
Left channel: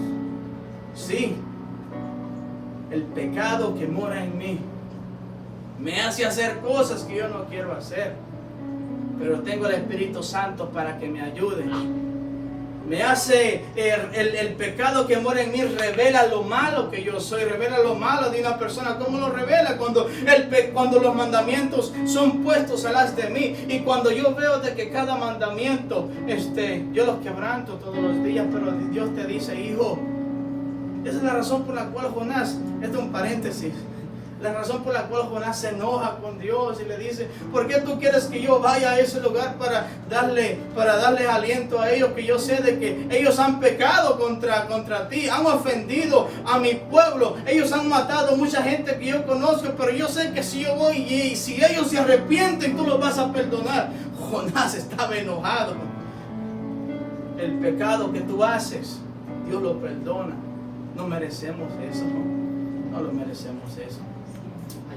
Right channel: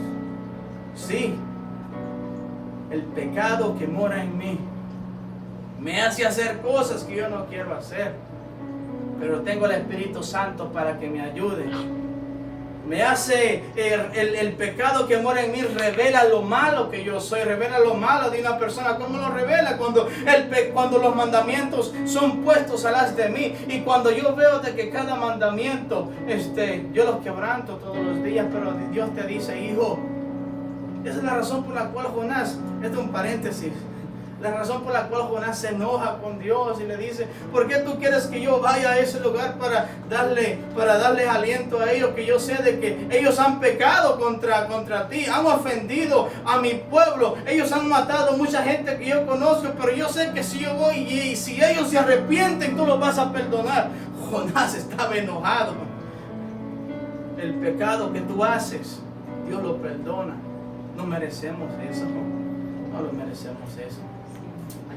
Sí, el pecado que mora en mí me hace hacer cosas que yo no quiero hacer. Pero tengo el Espíritu Santo para que me ayude. Me hace el pecado que mora en mí, revela lo malo que yo soy, revela lo malo de una persona. ¿Cómo lo revela? Cuando los mandamientos son puestos a las de mí, y cuando yo veo de que cada mandamiento yo los quebranto todos los días, pero Dios te dice, hijo, esa es la razón por la cual Jonás, esto es un paréntesis, la razón por la cual Jonás se enoja con Dios y le dice, ¿por qué tú quieres que yo vaya a ese lugar para darle aliento a ellos? Que yo sé de que ellos han pecado contra ti, han ofendido a mi pueblo, ellos han matado a mucha gente que yo conozco, pero yo sé que si yo voy y si ellos se arrepienten, tú los vas a perdonar. Jonás estaba enojado. El pecado que tú haces, Dios lo perdona. No merecemos eso, no lo merecemos eso.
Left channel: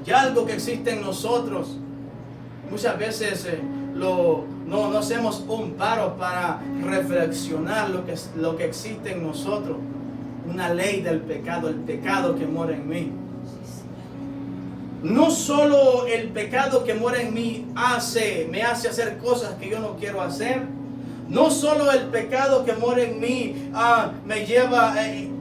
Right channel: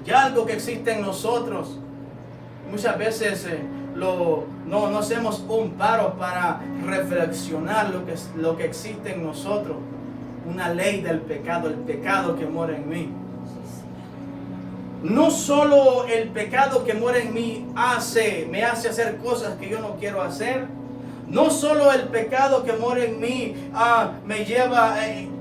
Hay algo que existe en nosotros. Muchas veces no hacemos un paro para reflexionar lo que existe en nosotros. Una ley del pecado, el pecado que mora en mí. No solo el pecado que mora en mí me hace hacer cosas que yo no quiero hacer. No solo el pecado que mora en mí me lleva,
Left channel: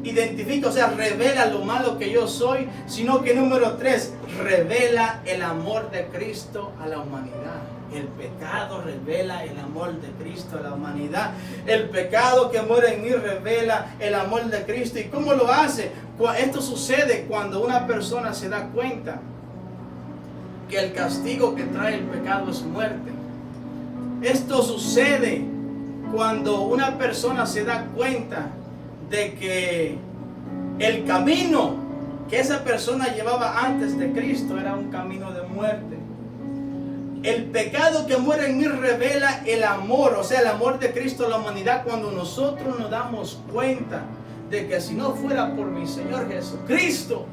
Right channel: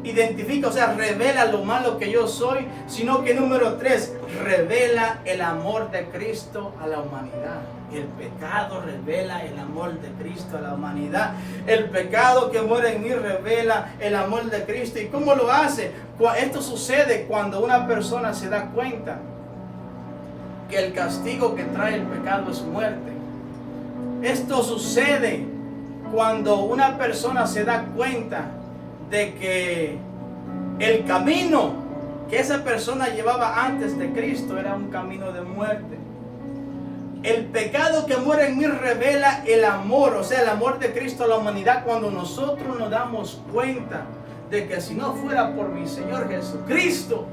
identifica, o sea, revela lo malo que yo soy, sino que número 3, revela el amor de Cristo a la humanidad. El pecado revela el amor de Cristo a la humanidad. El pecado que mora en mí revela el amor de Cristo. ¿Y cómo lo hace? Esto sucede cuando una persona se da cuenta que el castigo que trae el pecado es muerte. Esto sucede cuando una persona se da cuenta de que el camino que esa persona llevaba antes de Cristo era un camino de muerte. El pecado que muere en mí revela el amor, o sea, el amor de Cristo a la humanidad, cuando nosotros nos damos cuenta de que si no fuera por mi Señor Jesucristo,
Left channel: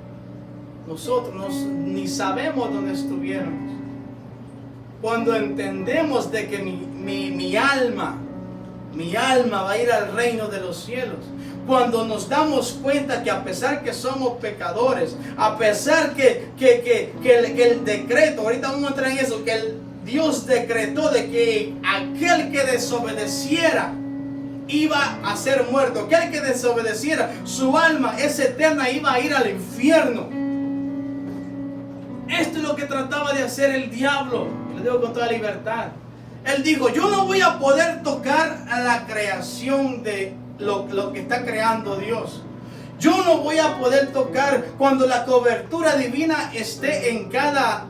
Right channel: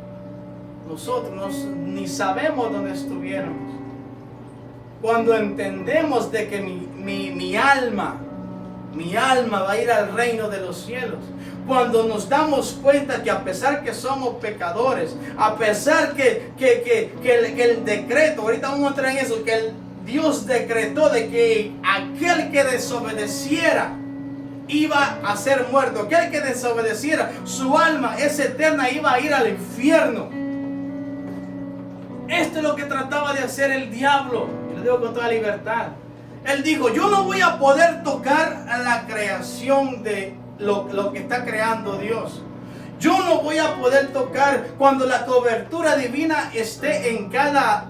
nosotros ni sabemos dónde estuviéramos. Cuando entendemos de que mi alma va a ir al reino de los cielos. Cuando nos damos cuenta que a pesar que somos pecadores, a pesar que el decreto, ahorita vamos a entrar en eso, que el Dios decretó de que aquel que desobedeciera iba a ser muerto, aquel que desobedeciera, su alma es eterna, iba a ir al infierno. Esto es lo que trataba de hacer el diablo, y lo digo con toda libertad. Él dijo, yo no voy a poder tocar a la creación de lo que está creando Dios. Yo no voy a poder tocar cuando la cobertura divina esté en cada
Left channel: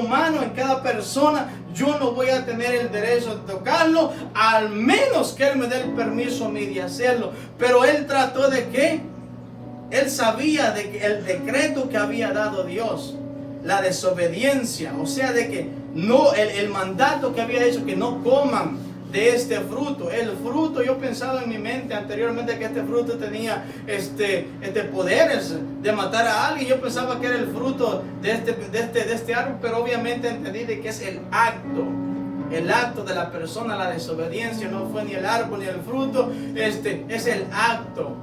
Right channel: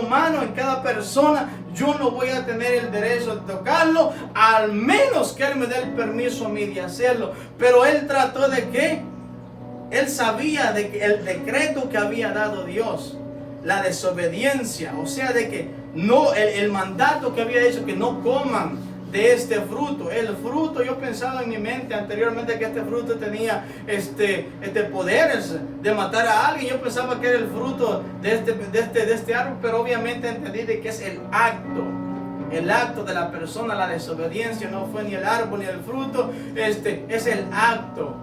humano, en cada persona. Yo no voy a tener el derecho de tocarlo, al menos que Él me dé el permiso a mí de hacerlo. Pero Él trató de que Él sabía de que el decreto que había dado Dios, la desobediencia, o sea, de que no, el mandato que había hecho, que no coman de este fruto. El fruto, yo pensaba en mi mente anteriormente que este fruto tenía poderes de matar a alguien. Yo pensaba que era el fruto de este árbol, pero obviamente entendí de que es el acto. El acto de la persona, la desobediencia, no fue ni el árbol ni el fruto, es el acto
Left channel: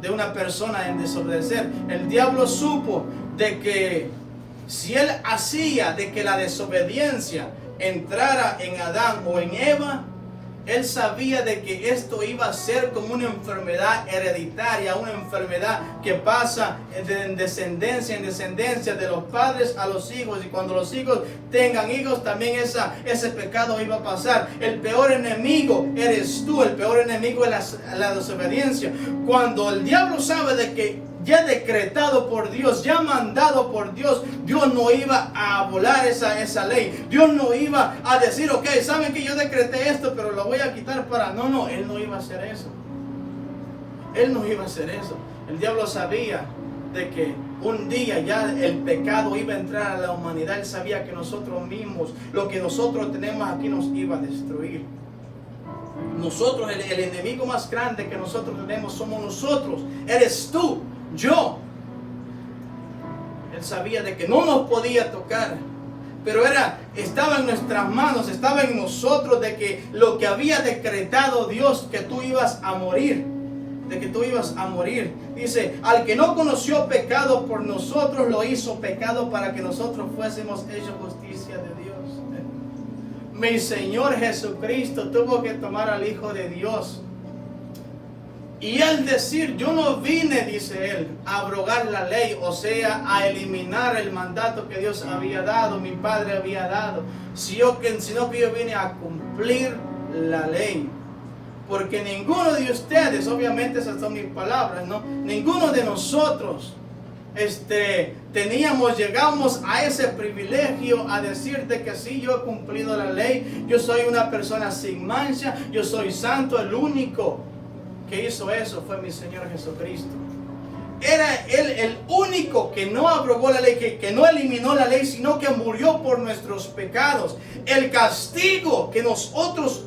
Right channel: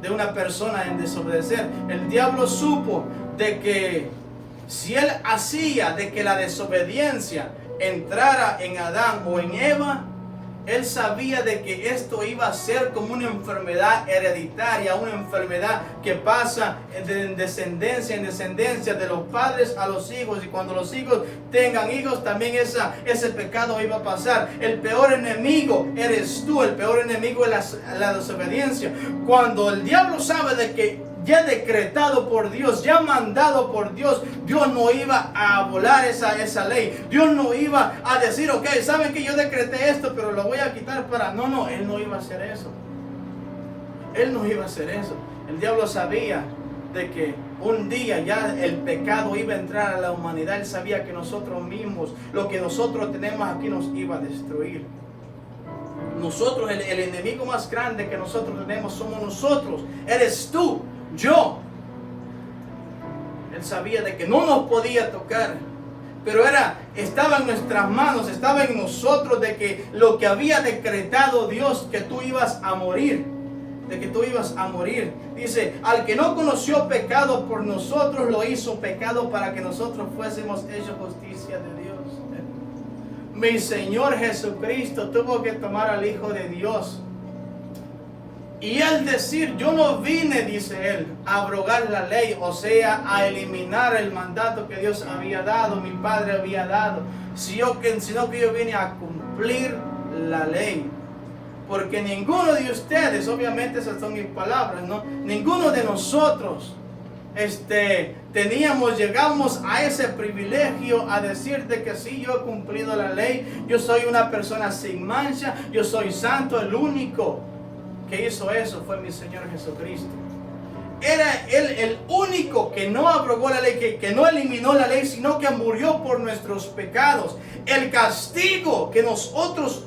de una persona en desobedecer. El diablo supo de que si él hacía de que la desobediencia entrara en Adán o en Eva, él sabía de que esto iba a ser como una enfermedad hereditaria, una enfermedad que pasa de descendencia en descendencia, de los padres a los hijos, y cuando los hijos tengan hijos también ese pecado iba a pasar. El peor enemigo eres tú, el peor enemigo es la desobediencia. Cuando el diablo sabe de que ya decretado por Dios, ya mandado por Dios, Dios no iba a volar esa ley. Dios no iba a decir, ok, saben que yo decreté esto, pero lo voy a quitar para... No, Él no iba a hacer eso. Él no iba a hacer eso. El diablo sabía de que un día ya el pecado iba a entrar a la humanidad. Él sabía que nosotros mismos, lo que nosotros tenemos aquí, nos iba a destruir. Nosotros, el enemigo más grande que nosotros tenemos somos nosotros. Eres tú. Yo. Él sabía de que no nos podía tocar, pero estaba en nuestras manos, estaba en nosotros, de que lo que había decretado Dios, que tú ibas a morir, de que tú ibas a morir. Dice, al que no conoció pecado por nosotros, lo hizo pecado para que nosotros fuésemos hechos justicia de Dios. Mi Señor Jesucristo tuvo que tomar al Hijo de Dios. Y él decir, yo no vine, dice él, a abrogar la ley, o sea, a eliminar el mandato que Dios había dado, mi Padre había dado, sino que yo vine a cumplir la ley. Porque ninguno de ustedes, obviamente esas son mis palabras, ¿no? Ninguno de nosotros llegamos a ese privilegio a decirte que sí, yo he cumplido la ley, yo soy una persona sin mancha, yo soy santo. El único que hizo eso fue mi Señor Jesucristo. Era Él el único que no abrogó la ley, que no eliminó la ley, sino que murió por nuestros pecados. El castigo que nosotros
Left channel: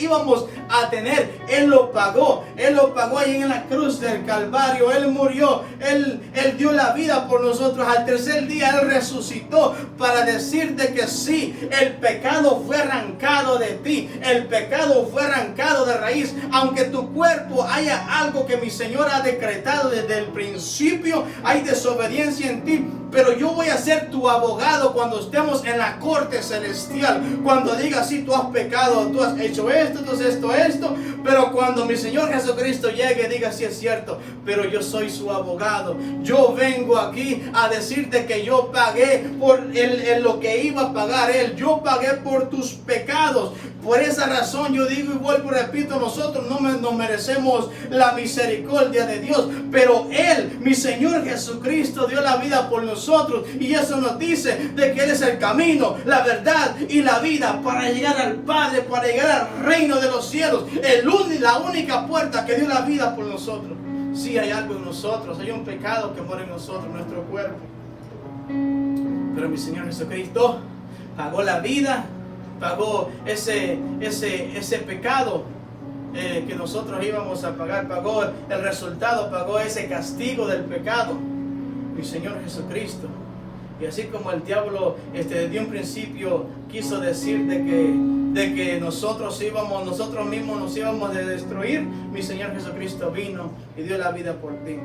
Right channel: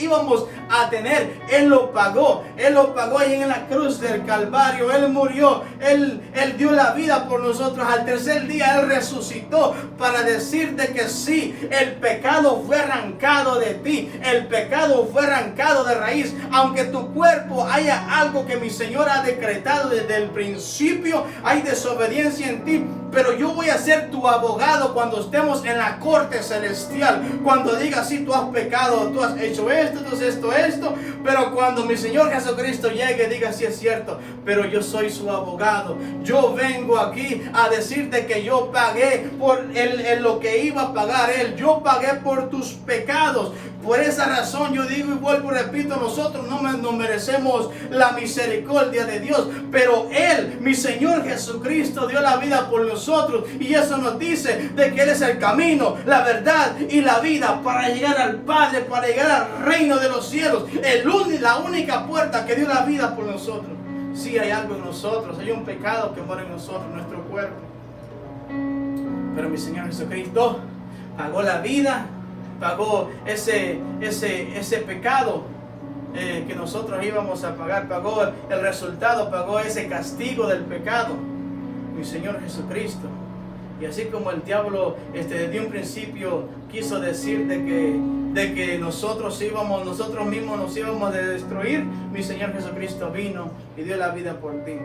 íbamos a tener, Él lo pagó. Él lo pagó ahí en la cruz del Calvario. Él murió, Él dio la vida por nosotros. Al tercer día Él resucitó para decirte que sí, el pecado fue arrancado de ti. El pecado fue arrancado de raíz. Aunque tu cuerpo haya algo que mi Señor ha decretado desde el principio, hay desobediencia en ti, pero yo voy a ser tu abogado cuando estemos en la corte celestial. Cuando digas, sí, tú has pecado, tú has hecho esto, tú has esto, pero cuando mi Señor Jesucristo llegue, diga, sí es cierto, pero yo soy su abogado. Yo vengo aquí a decirte que yo pagué por lo que iba a pagar Él. Yo pagué por tus pecados. Por esa razón yo digo y vuelvo y repito, nosotros no merecemos la misericordia de Dios, pero Él, mi Señor Jesucristo, dio la vida por nosotros, y eso nos dice de que Él es el camino, la verdad y la vida para llegar al Padre, para llegar al reino de los cielos. La única puerta que dio la vida por nosotros. Sí, hay algo en nosotros, hay un pecado que mora en nosotros, en nuestro cuerpo, pero mi Señor Jesucristo pagó la vida, pagó ese pecado que nosotros íbamos a pagar, pagó el resultado, pagó ese castigo del pecado, mi Señor Jesucristo. Y así como el diablo desde un principio quiso decir de que nosotros mismos nos íbamos a destruir, mi Señor Jesucristo vino y dio la vida por ti.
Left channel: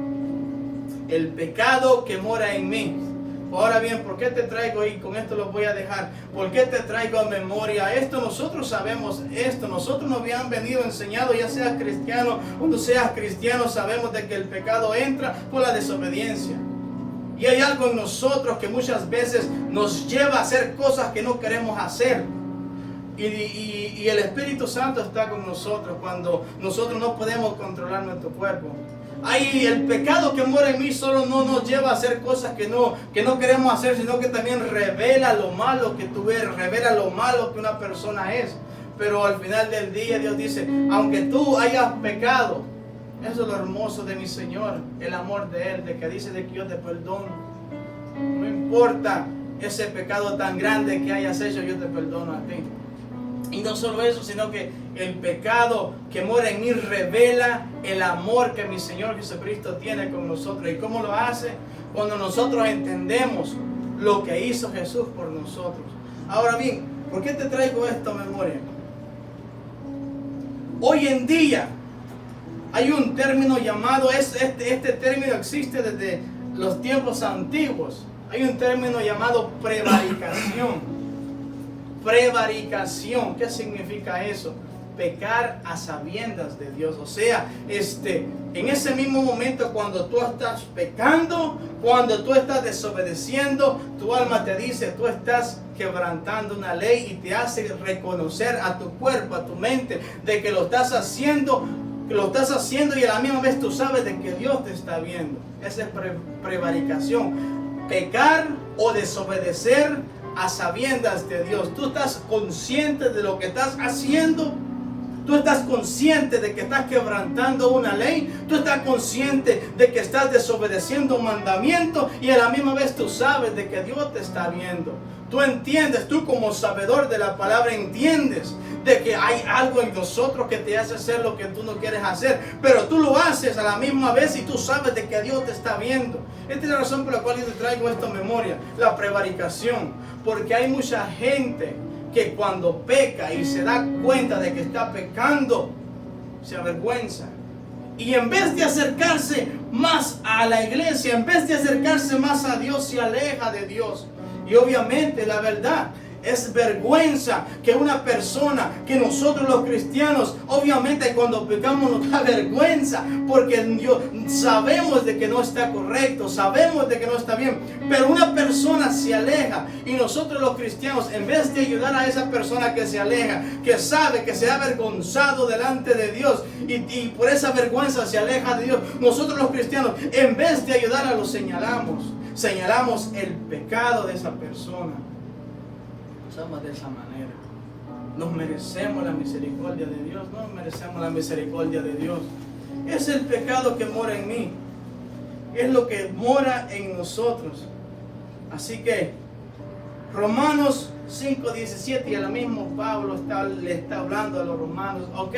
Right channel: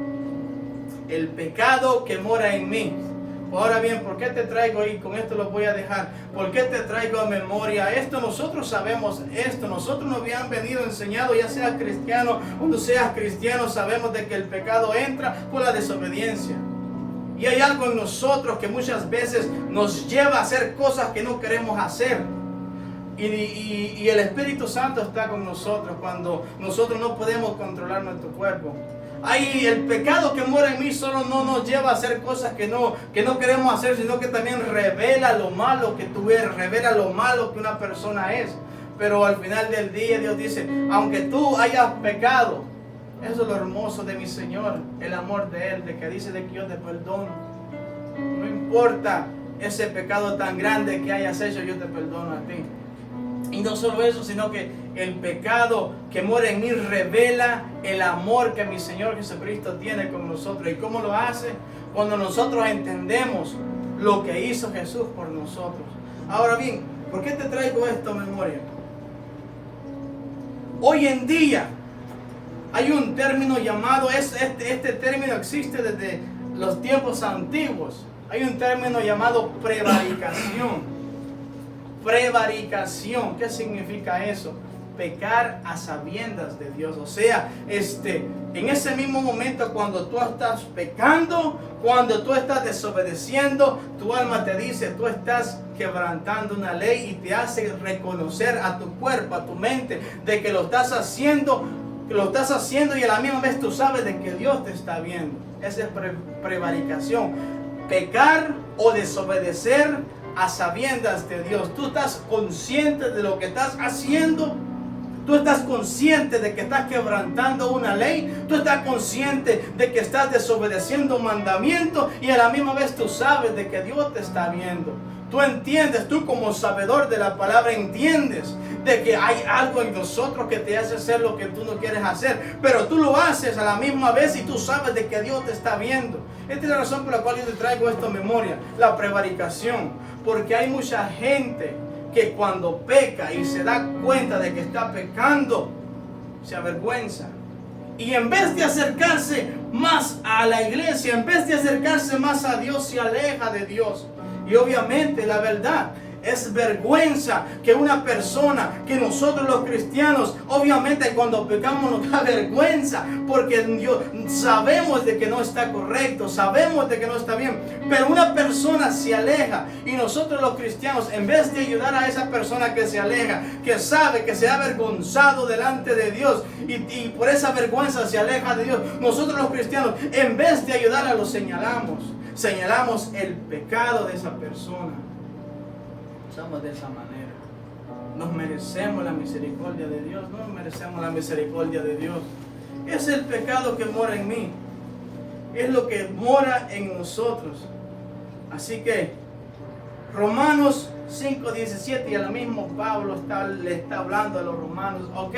El pecado que mora en mí. Ahora bien, ¿por qué te traigo? Y con esto lo voy a dejar. ¿Por qué te traigo a memoria esto? Nosotros sabemos esto. Nosotros nos habían venido enseñado, ya seas cristiano o no seas cristiano, sabemos de que el pecado entra por la desobediencia. Y hay algo en nosotros que muchas veces nos lleva a hacer cosas que no queremos hacer. Y el Espíritu Santo está con nosotros cuando nosotros no podemos controlar nuestro cuerpo. Ay, el pecado que mora en mí solo no nos lleva a hacer cosas que no queremos hacer, sino que también revela lo malo que tú eres, revela lo malo que una persona es. Pero al final del día Dios dice, aunque tú hayas pecado, eso es lo hermoso de mi Señor, el amor de Él, de que dice de que yo te perdono. No importa ese pecado tan grande que hayas hecho, yo te perdono a ti. Y no solo eso, sino que el pecado que mora en mí revela el amor que mi Señor Jesucristo tiene con nosotros. ¿Y cómo lo hace? Cuando nosotros entendemos lo que hizo Jesús por nosotros. Ahora bien, ¿por qué te traigo esto a memoria? Hoy en día hay un término llamado, este término existe desde los tiempos antiguos. Hay un término llamado prevaricación. Prevaricación, ¿qué significa eso? Pecar a sabiendas de Dios. O sea, en ese mismo momento cuando tú estás pecando, cuando tú estás desobedeciendo, tu alma te dice, tú estás quebrantando una ley y te hace reconocer a tu cuerpo, a tu mente, de que lo estás haciendo y a la misma vez tú sabes de que Dios te está viendo. Esa es prevaricación. Pecar o desobedecer a sabiendas de Dios. Tú estás consciente de lo que estás haciendo. Tú estás consciente de que estás quebrantando una ley. Tú estás consciente de que estás desobedeciendo un mandamiento. Y a la misma vez tú sabes de que Dios te está viendo. Tú entiendes, tú como sabedor de la palabra entiendes de que hay algo en nosotros que te hace hacer lo que tú no quieres hacer. Pero tú lo haces a la misma vez y tú sabes de que Dios te está viendo. Esta es la razón por la cual yo te traigo esto en memoria. La prevaricación. Porque hay mucha gente que cuando peca y se da cuenta de que está pecando, se avergüenza. Y en vez de acercarse más a la iglesia, en vez de acercarse más a Dios, se aleja de Dios. Y obviamente la verdad es vergüenza que una persona, que nosotros los cristianos, obviamente cuando pecamos nos da vergüenza, porque sabemos de que no está correcto, sabemos de que no está bien, pero una persona se aleja y nosotros los cristianos, en vez de ayudar a esa persona que se aleja, que sabe que se ha avergonzado delante de Dios y por esa vergüenza se aleja de Dios, nosotros los cristianos, en vez de ayudarla, lo señalamos el pecado de esa persona. Somos de esa manera. Nos merecemos la misericordia de Dios. No merecemos la misericordia de Dios. Es el pecado que mora en mí. Es lo que mora en nosotros. Así que Romanos 5:17, y ahora mismo Pablo le está hablando a los romanos. Ok,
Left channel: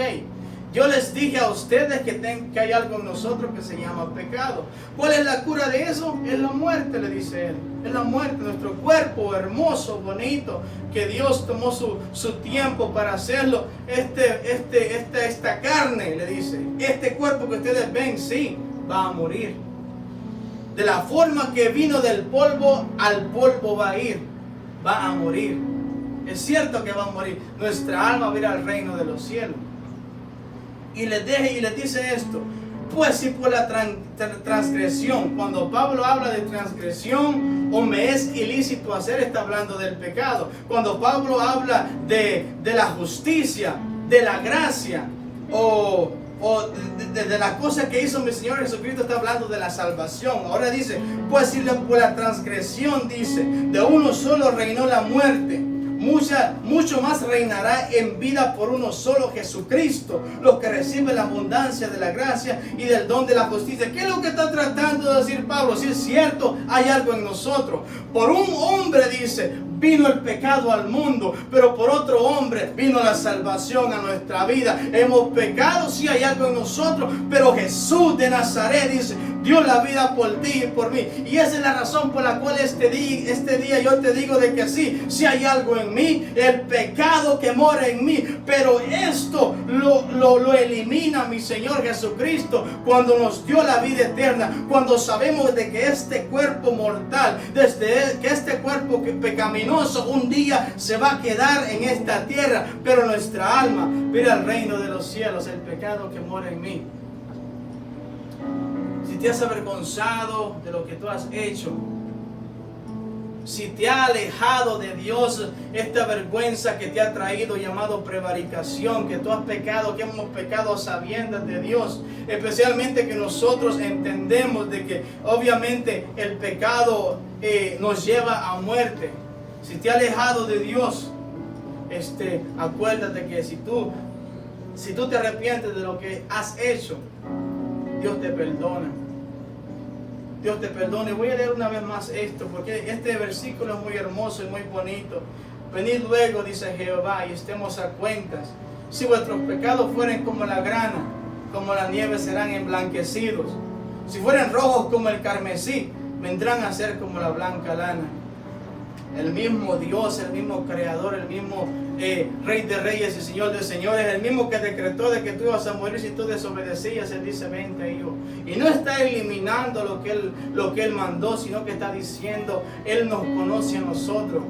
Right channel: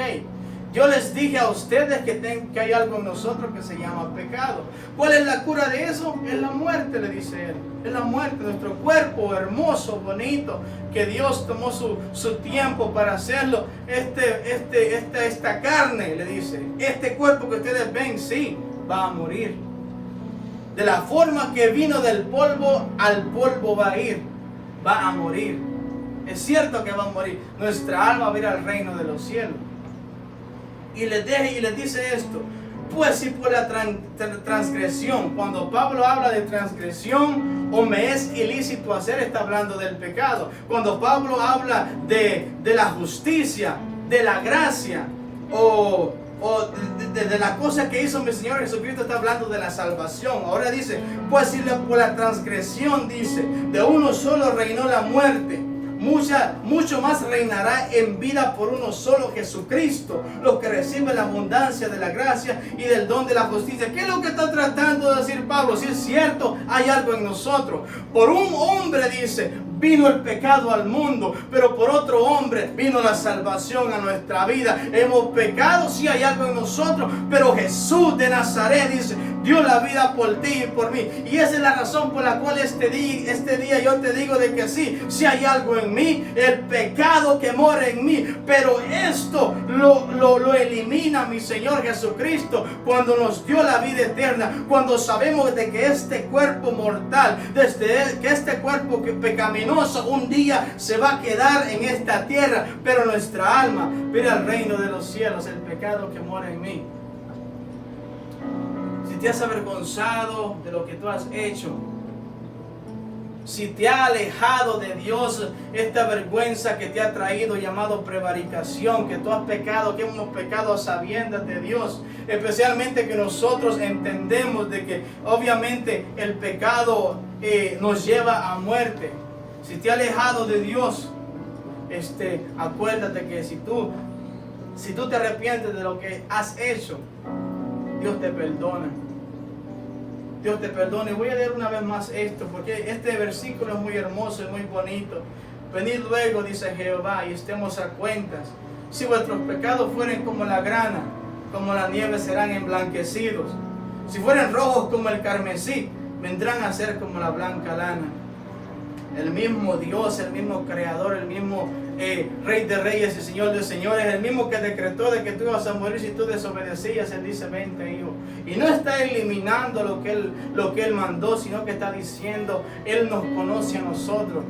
yo les dije a ustedes que hay algo en nosotros que se llama pecado. ¿Cuál es la cura de eso? Es la muerte, le dice él. Es la muerte, nuestro cuerpo hermoso, bonito, que Dios tomó su tiempo para hacerlo. Esta carne, le dice, este cuerpo que ustedes ven, sí, va a morir. De la forma que vino del polvo, al polvo va a ir. Va a morir. Es cierto que va a morir. Nuestra alma va a ir al reino de los cielos. Y les dice esto, pues si por la transgresión, cuando Pablo habla de transgresión o me es ilícito hacer, está hablando del pecado. Cuando Pablo habla de la justicia, de la gracia o de las cosas que hizo mi Señor Jesucristo, está hablando de la salvación. Ahora dice, pues si por la transgresión, dice, de uno solo reinó la muerte, mucho más reinará en vida por uno solo, Jesucristo, los que reciben la abundancia de la gracia y del don de la justicia. ¿Qué es lo que está tratando de decir Pablo? Si es cierto, hay algo en nosotros. Por un hombre, dice, vino el pecado al mundo, pero por otro hombre vino la salvación a nuestra vida. Hemos pecado, sí hay algo en nosotros, pero Jesús de Nazaret, dice, dio la vida por ti y por mí. Y esa es la razón por la cual este día yo te digo de que sí hay algo en mí, el pecado que mora en mí, pero esto lo elimina mi Señor Jesucristo cuando nos dio la vida eterna, cuando sabemos de que este cuerpo mortal, que este cuerpo pecaminoso un día se va a quedar en esta tierra, pero nuestra alma mira al reino de los cielos, el pecado que mora en mí. Si te has avergonzado de lo que tú has hecho, si te ha alejado de Dios, esta vergüenza que te ha traído llamado prevaricación, que tú has pecado, que hemos pecado a sabiendas de Dios, especialmente que nosotros entendemos de que obviamente el pecado nos lleva a muerte. Si te ha alejado de Dios, acuérdate que si tú te arrepientes de lo que has hecho, Dios te perdona. Dios te perdone. Voy a leer una vez más esto, porque este versículo es muy hermoso y muy bonito. Venid luego, dice Jehová, y estemos a cuentas. Si vuestros pecados fueren como la grana, como la nieve serán emblanquecidos. Si fueren rojos como el carmesí, vendrán a ser como la blanca lana. El mismo Dios, el mismo Creador, el mismo Rey de Reyes y Señor de Señores, el mismo que decretó de que tú ibas a morir si tú desobedecías, Él dice, vente, hijo. Y no está eliminando lo que Él mandó, sino que está diciendo, Él nos conoce a nosotros.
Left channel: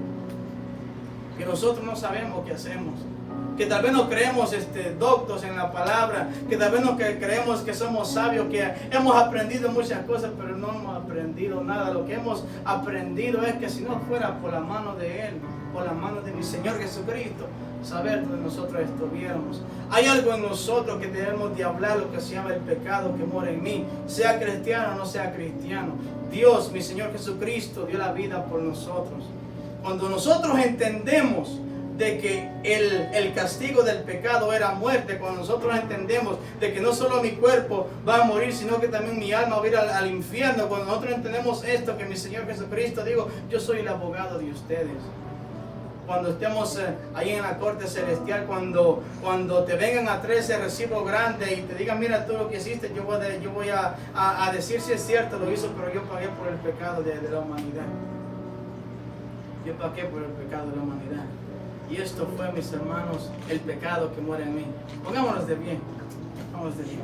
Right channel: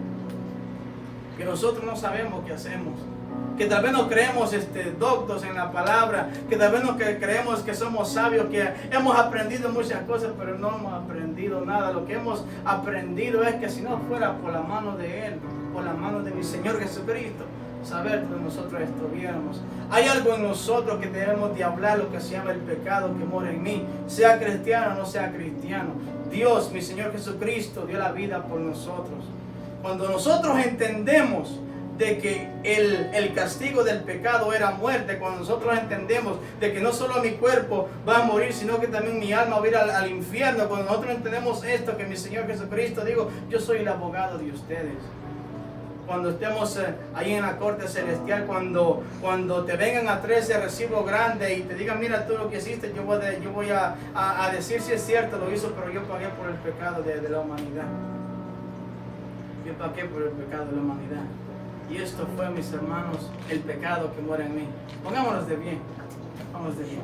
Que nosotros no sabemos qué hacemos. Que tal vez nos creemos doctos en la palabra, que tal vez nos creemos que somos sabios, que hemos aprendido muchas cosas, pero no hemos aprendido nada. Lo que hemos aprendido es que si no fuera por la mano de Él, por la mano de mi Señor Jesucristo, saber donde nosotros estuviéramos. Hay algo en nosotros que debemos de hablar, lo que se llama el pecado que mora en mí, sea cristiano o no sea cristiano. Dios, mi Señor Jesucristo, dio la vida por nosotros. Cuando nosotros entendemos de que el castigo del pecado era muerte, cuando nosotros entendemos de que no solo mi cuerpo va a morir, sino que también mi alma va a ir al infierno, cuando nosotros entendemos esto, que mi Señor Jesucristo, digo, yo soy el abogado de ustedes. Cuando estemos ahí en la corte celestial, cuando te vengan a traer ese recibo grande y te digan, mira tú lo que hiciste, yo voy a decir si es cierto, lo hizo, pero yo pagué por el pecado de la humanidad. Yo pagué por el pecado de la humanidad. Y esto fue, mis hermanos, el pecado que mora en mí. Pongámonos de bien. Vamos de bien.